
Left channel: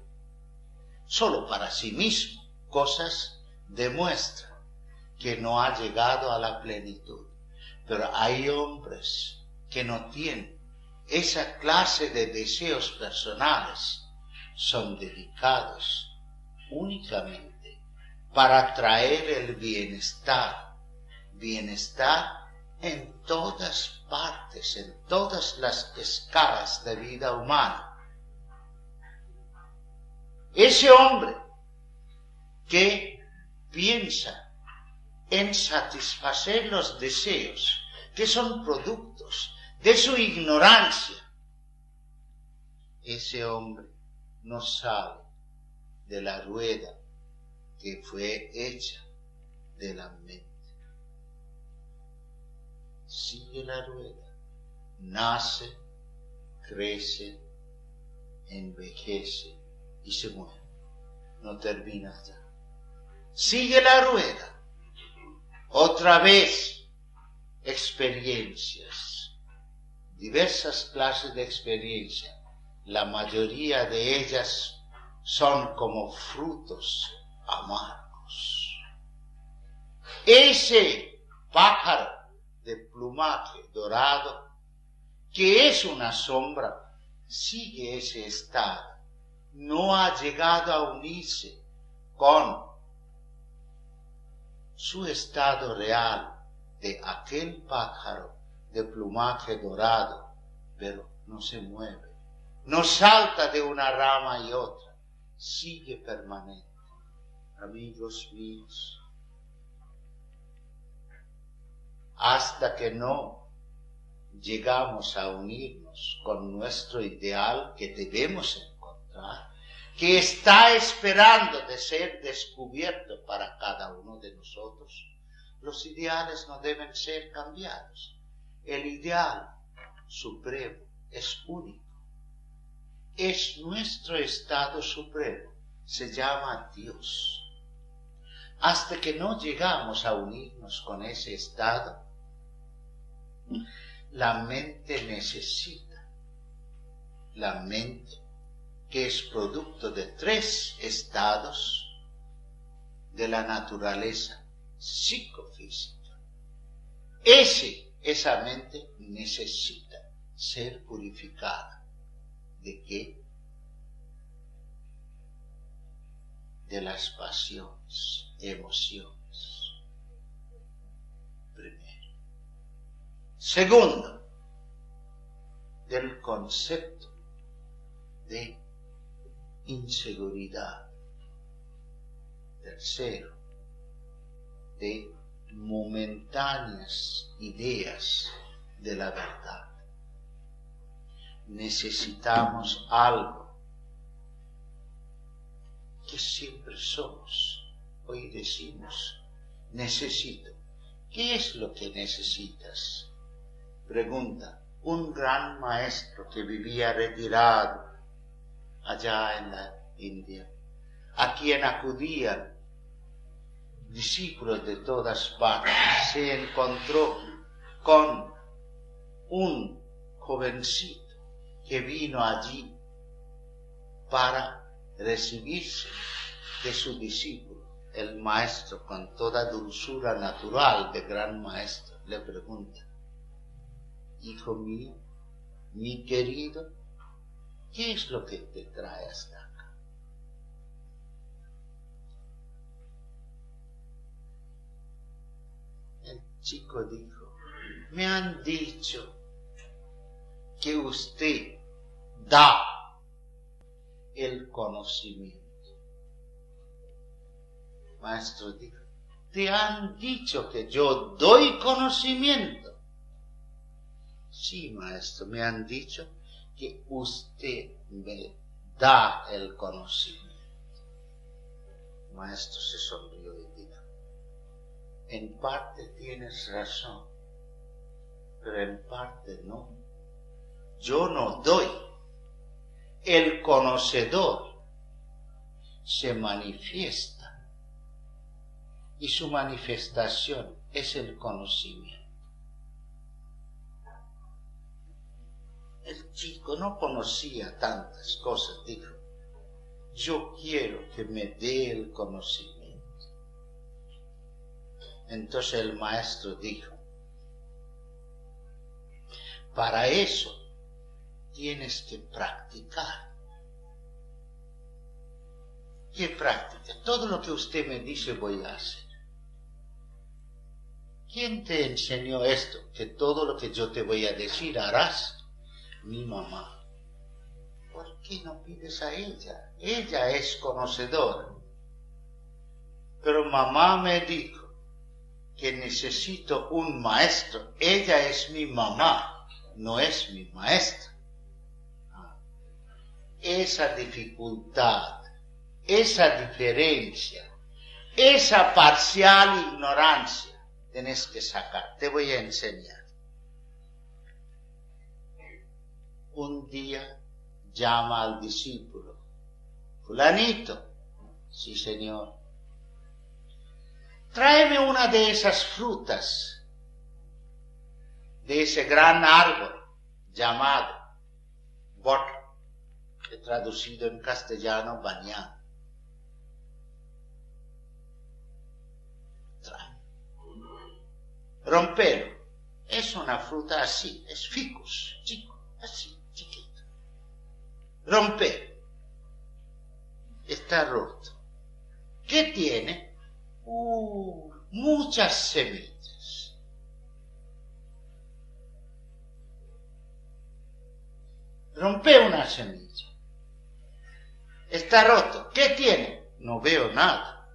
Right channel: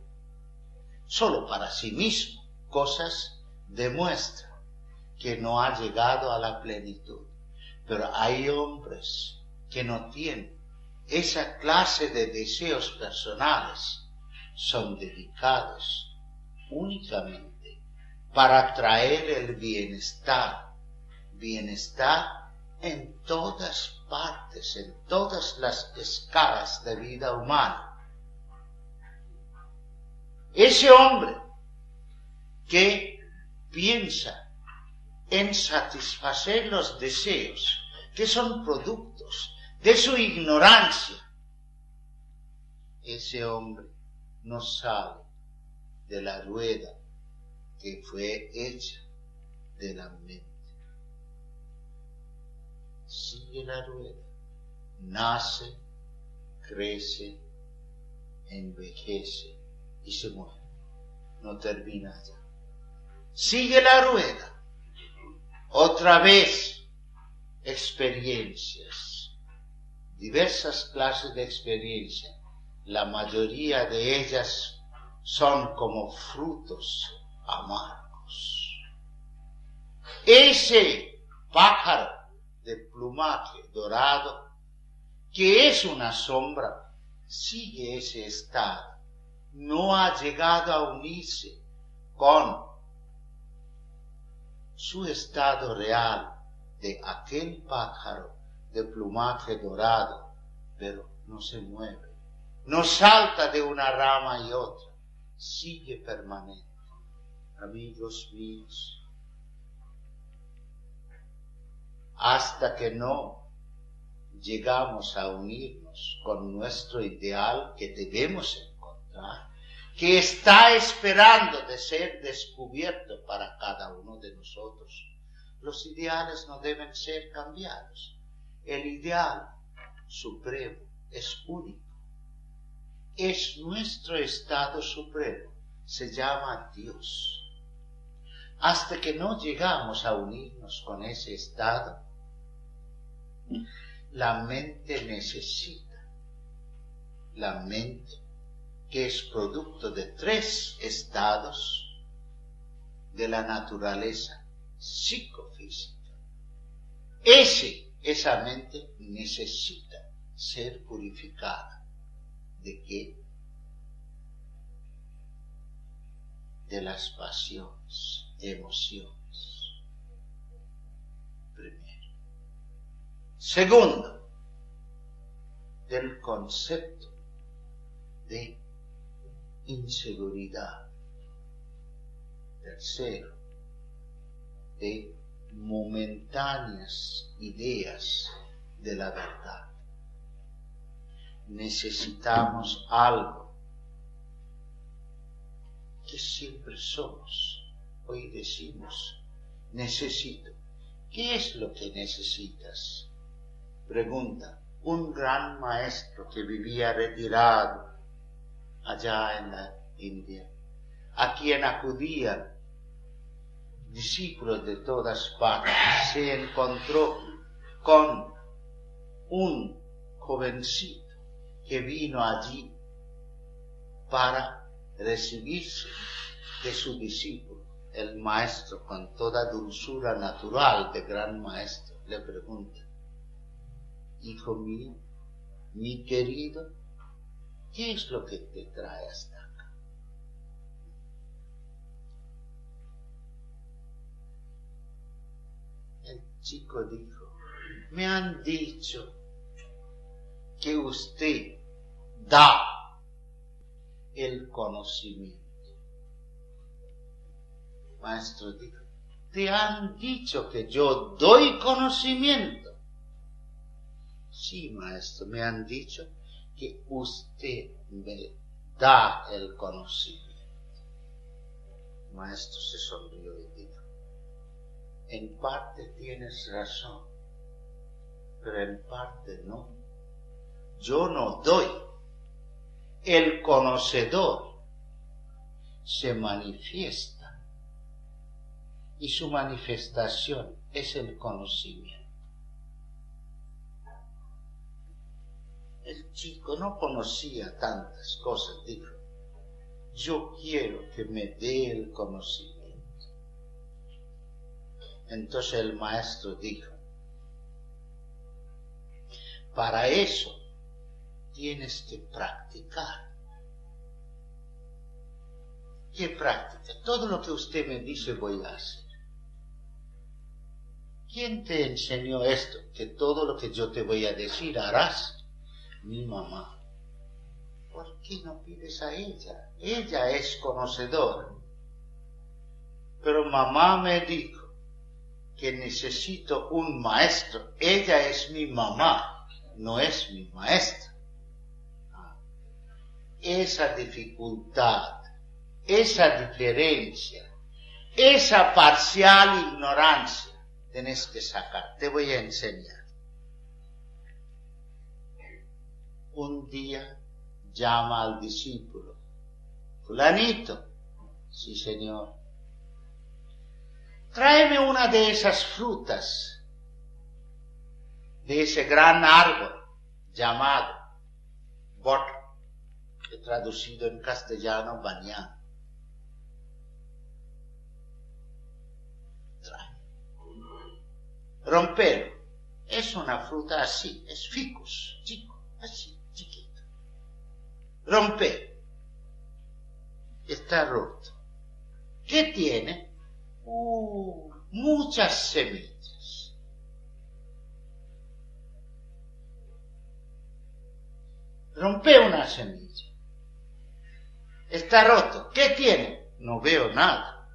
solo para sí mismo cosas demuestra que no ha llegado a la plenitud. Pero hay hombres que no tienen esa clase de deseos personales, son dedicados únicamente para traer el bienestar en todas partes, en todas las escalas de vida humana. Ese hombre que piensa en satisfacer los deseos que son productos de su ignorancia, ese hombre no sale de la rueda que fue hecha de la mente. Sigue la rueda, nace, crece, envejece y se muere. No termina ya. Sigue la rueda. Otra vez, experiencias. Diversas clases de experiencias. La mayoría de ellas son como frutos amargos. Ese pájaro de plumaje dorado, que es una sombra, sigue ese estado. No ha llegado a unirse con su estado real de aquel pájaro de plumaje dorado, pero no se mueve, no salta de una rama y otra, sigue permanente. Amigos míos, hasta que no llegamos a unirnos con nuestro ideal que debemos encontrar, que está esperando de ser descubierto para cada uno de nosotros, los ideales no deben ser cambiados. El ideal supremo es único, es nuestro estado supremo, se llama Dios. Hasta que no llegamos a unirnos con ese estado, la mente necesita, la mente que es producto de 3 estados de la naturaleza psicofísica. Esa mente necesita ser purificada. ¿De qué? De las pasiones, emociones. Primero. Segundo, del concepto de inseguridad. Tercero, de momentáneas ideas de la verdad. Necesitamos algo que siempre somos. Hoy decimos, necesito. ¿Qué es lo que necesitas? Pregunta un gran maestro que vivía retirado allá en la India, a quien acudían discípulos de todas partes. Se encontró con un jovencito que vino allí para recibirse de su discípulo. El maestro, con toda dulzura natural de gran maestro, le pregunta: hijo mío, mi querido, ¿qué es lo que te trae hasta acá? El chico dijo: me han dicho que usted da el conocimiento. Maestro dijo: ¿te han dicho que yo doy conocimiento? Sí, maestro, me han dicho que usted me da el conocimiento. Maestro se sonrió y dijo: en parte tienes razón, pero en parte no. Yo no doy. El conocedor se manifiesta y su manifestación es el conocimiento. El chico no conocía tantas cosas, dijo: yo quiero que me dé el conocimiento. Entonces el maestro dijo: para eso tienes que practicar. ¿Qué práctica? Todo lo que usted me dice voy a hacer. ¿Quién te enseñó esto? Que todo lo que yo te voy a decir harás. Mi mamá. ¿Por qué no pides a ella? Ella es conocedora. Pero mamá me dijo que necesito un maestro. Ella es mi mamá, no es mi maestra. Esa dificultad, esa diferencia, esa parcial ignorancia tenés que sacar. Te voy a enseñar. Un día llama al discípulo: fulanito. Sí, señor. Tráeme una de esas frutas de ese gran árbol llamado borra, traducido en castellano bañado. Trae. Rompelo. Es una fruta así, es ficus, chico, así, chiquito. Rompelo. Está roto. ¿Qué tiene? Muchas semillas. Rompe una semilla. Está roto. ¿Qué tiene? No veo nada.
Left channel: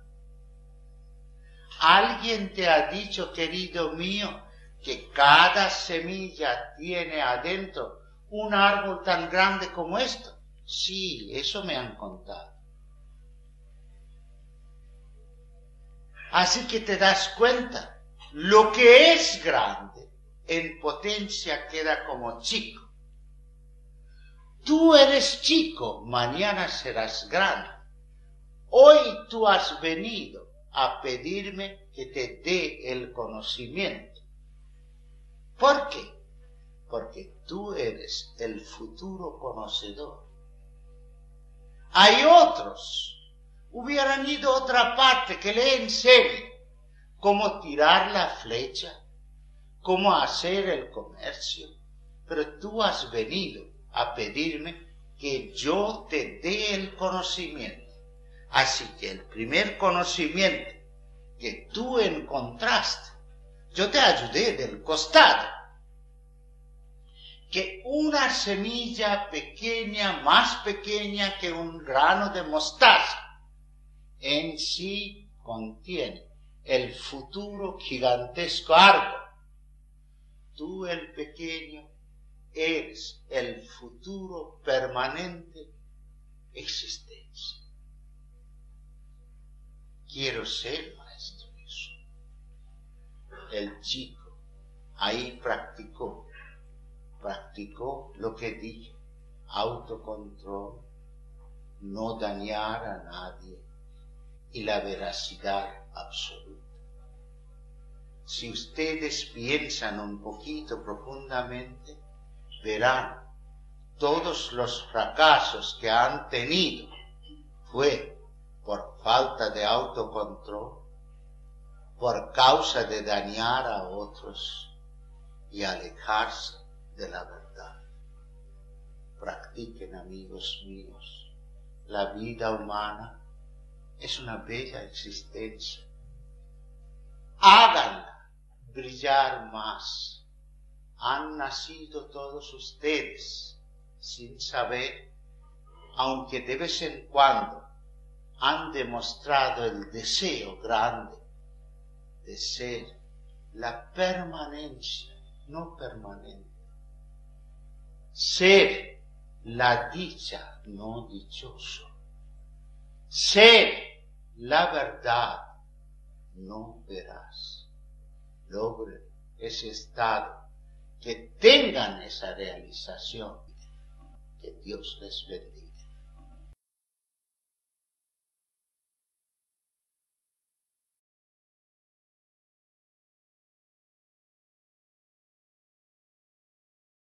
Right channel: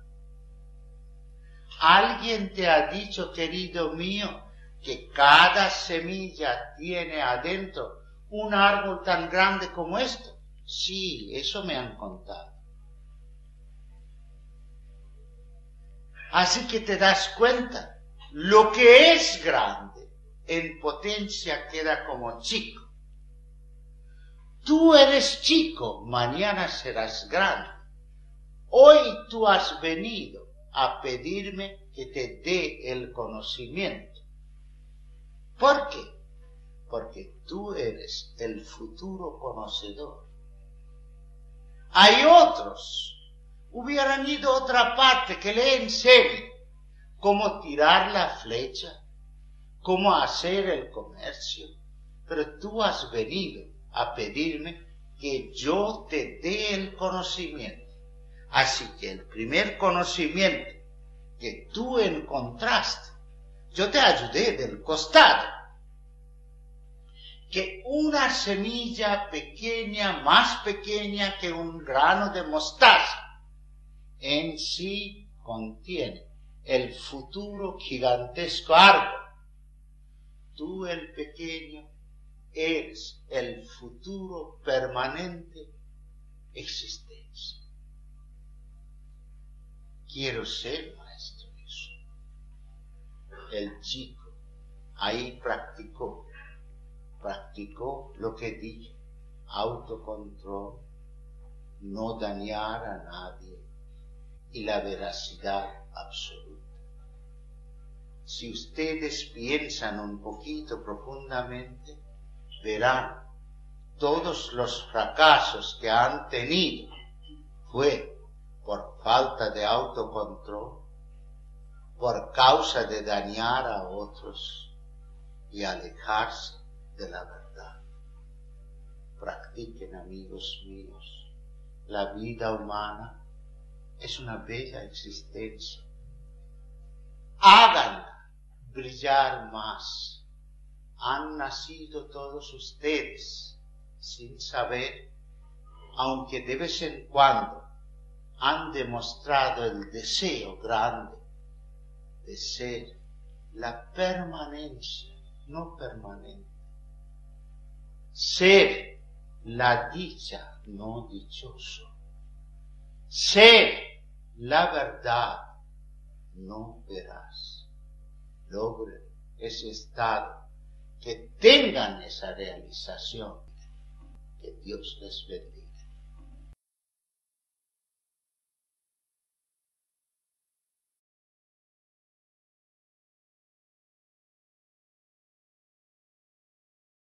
¿Alguien te ha dicho, querido mío, que cada semilla tiene adentro un árbol tan grande como esto? Sí, eso me han contado. Así que te das cuenta, lo que es grande en potencia queda como chico. Tú eres chico, mañana serás grande. Hoy tú has venido a pedirme que te dé el conocimiento. ¿Por qué? Porque tú eres el futuro conocedor. Hay otros. Hubieran ido a otra parte que le enseñe cómo tirar la flecha, cómo hacer el comercio, pero tú has venido a pedirme que yo te dé el conocimiento. Así que el primer conocimiento que tú encontraste, yo te ayudé del costado. Que una semilla pequeña, más pequeña que un grano de mostaza, en sí contiene el futuro gigantesco árbol. Tú, el pequeño, eres el futuro permanente existencia. Quiero ser maestro eso. El chico ahí practicó lo que dije: autocontrol, no dañar a nadie y la veracidad absoluta. Si ustedes piensan un poquito profundamente, verán todos los fracasos que han tenido fue por falta de autocontrol, por causa de dañar a otros y alejarse de la verdad. Practiquen, amigos míos, la vida humana es una bella existencia. Háganla brillar más. Han nacido todos ustedes sin saber, aunque de vez en cuando han demostrado el deseo grande de ser la permanencia no permanente, ser la dicha no dichoso, ser la verdad no veraz. Logren ese estado, que tengan esa realización. Que Dios les bendiga.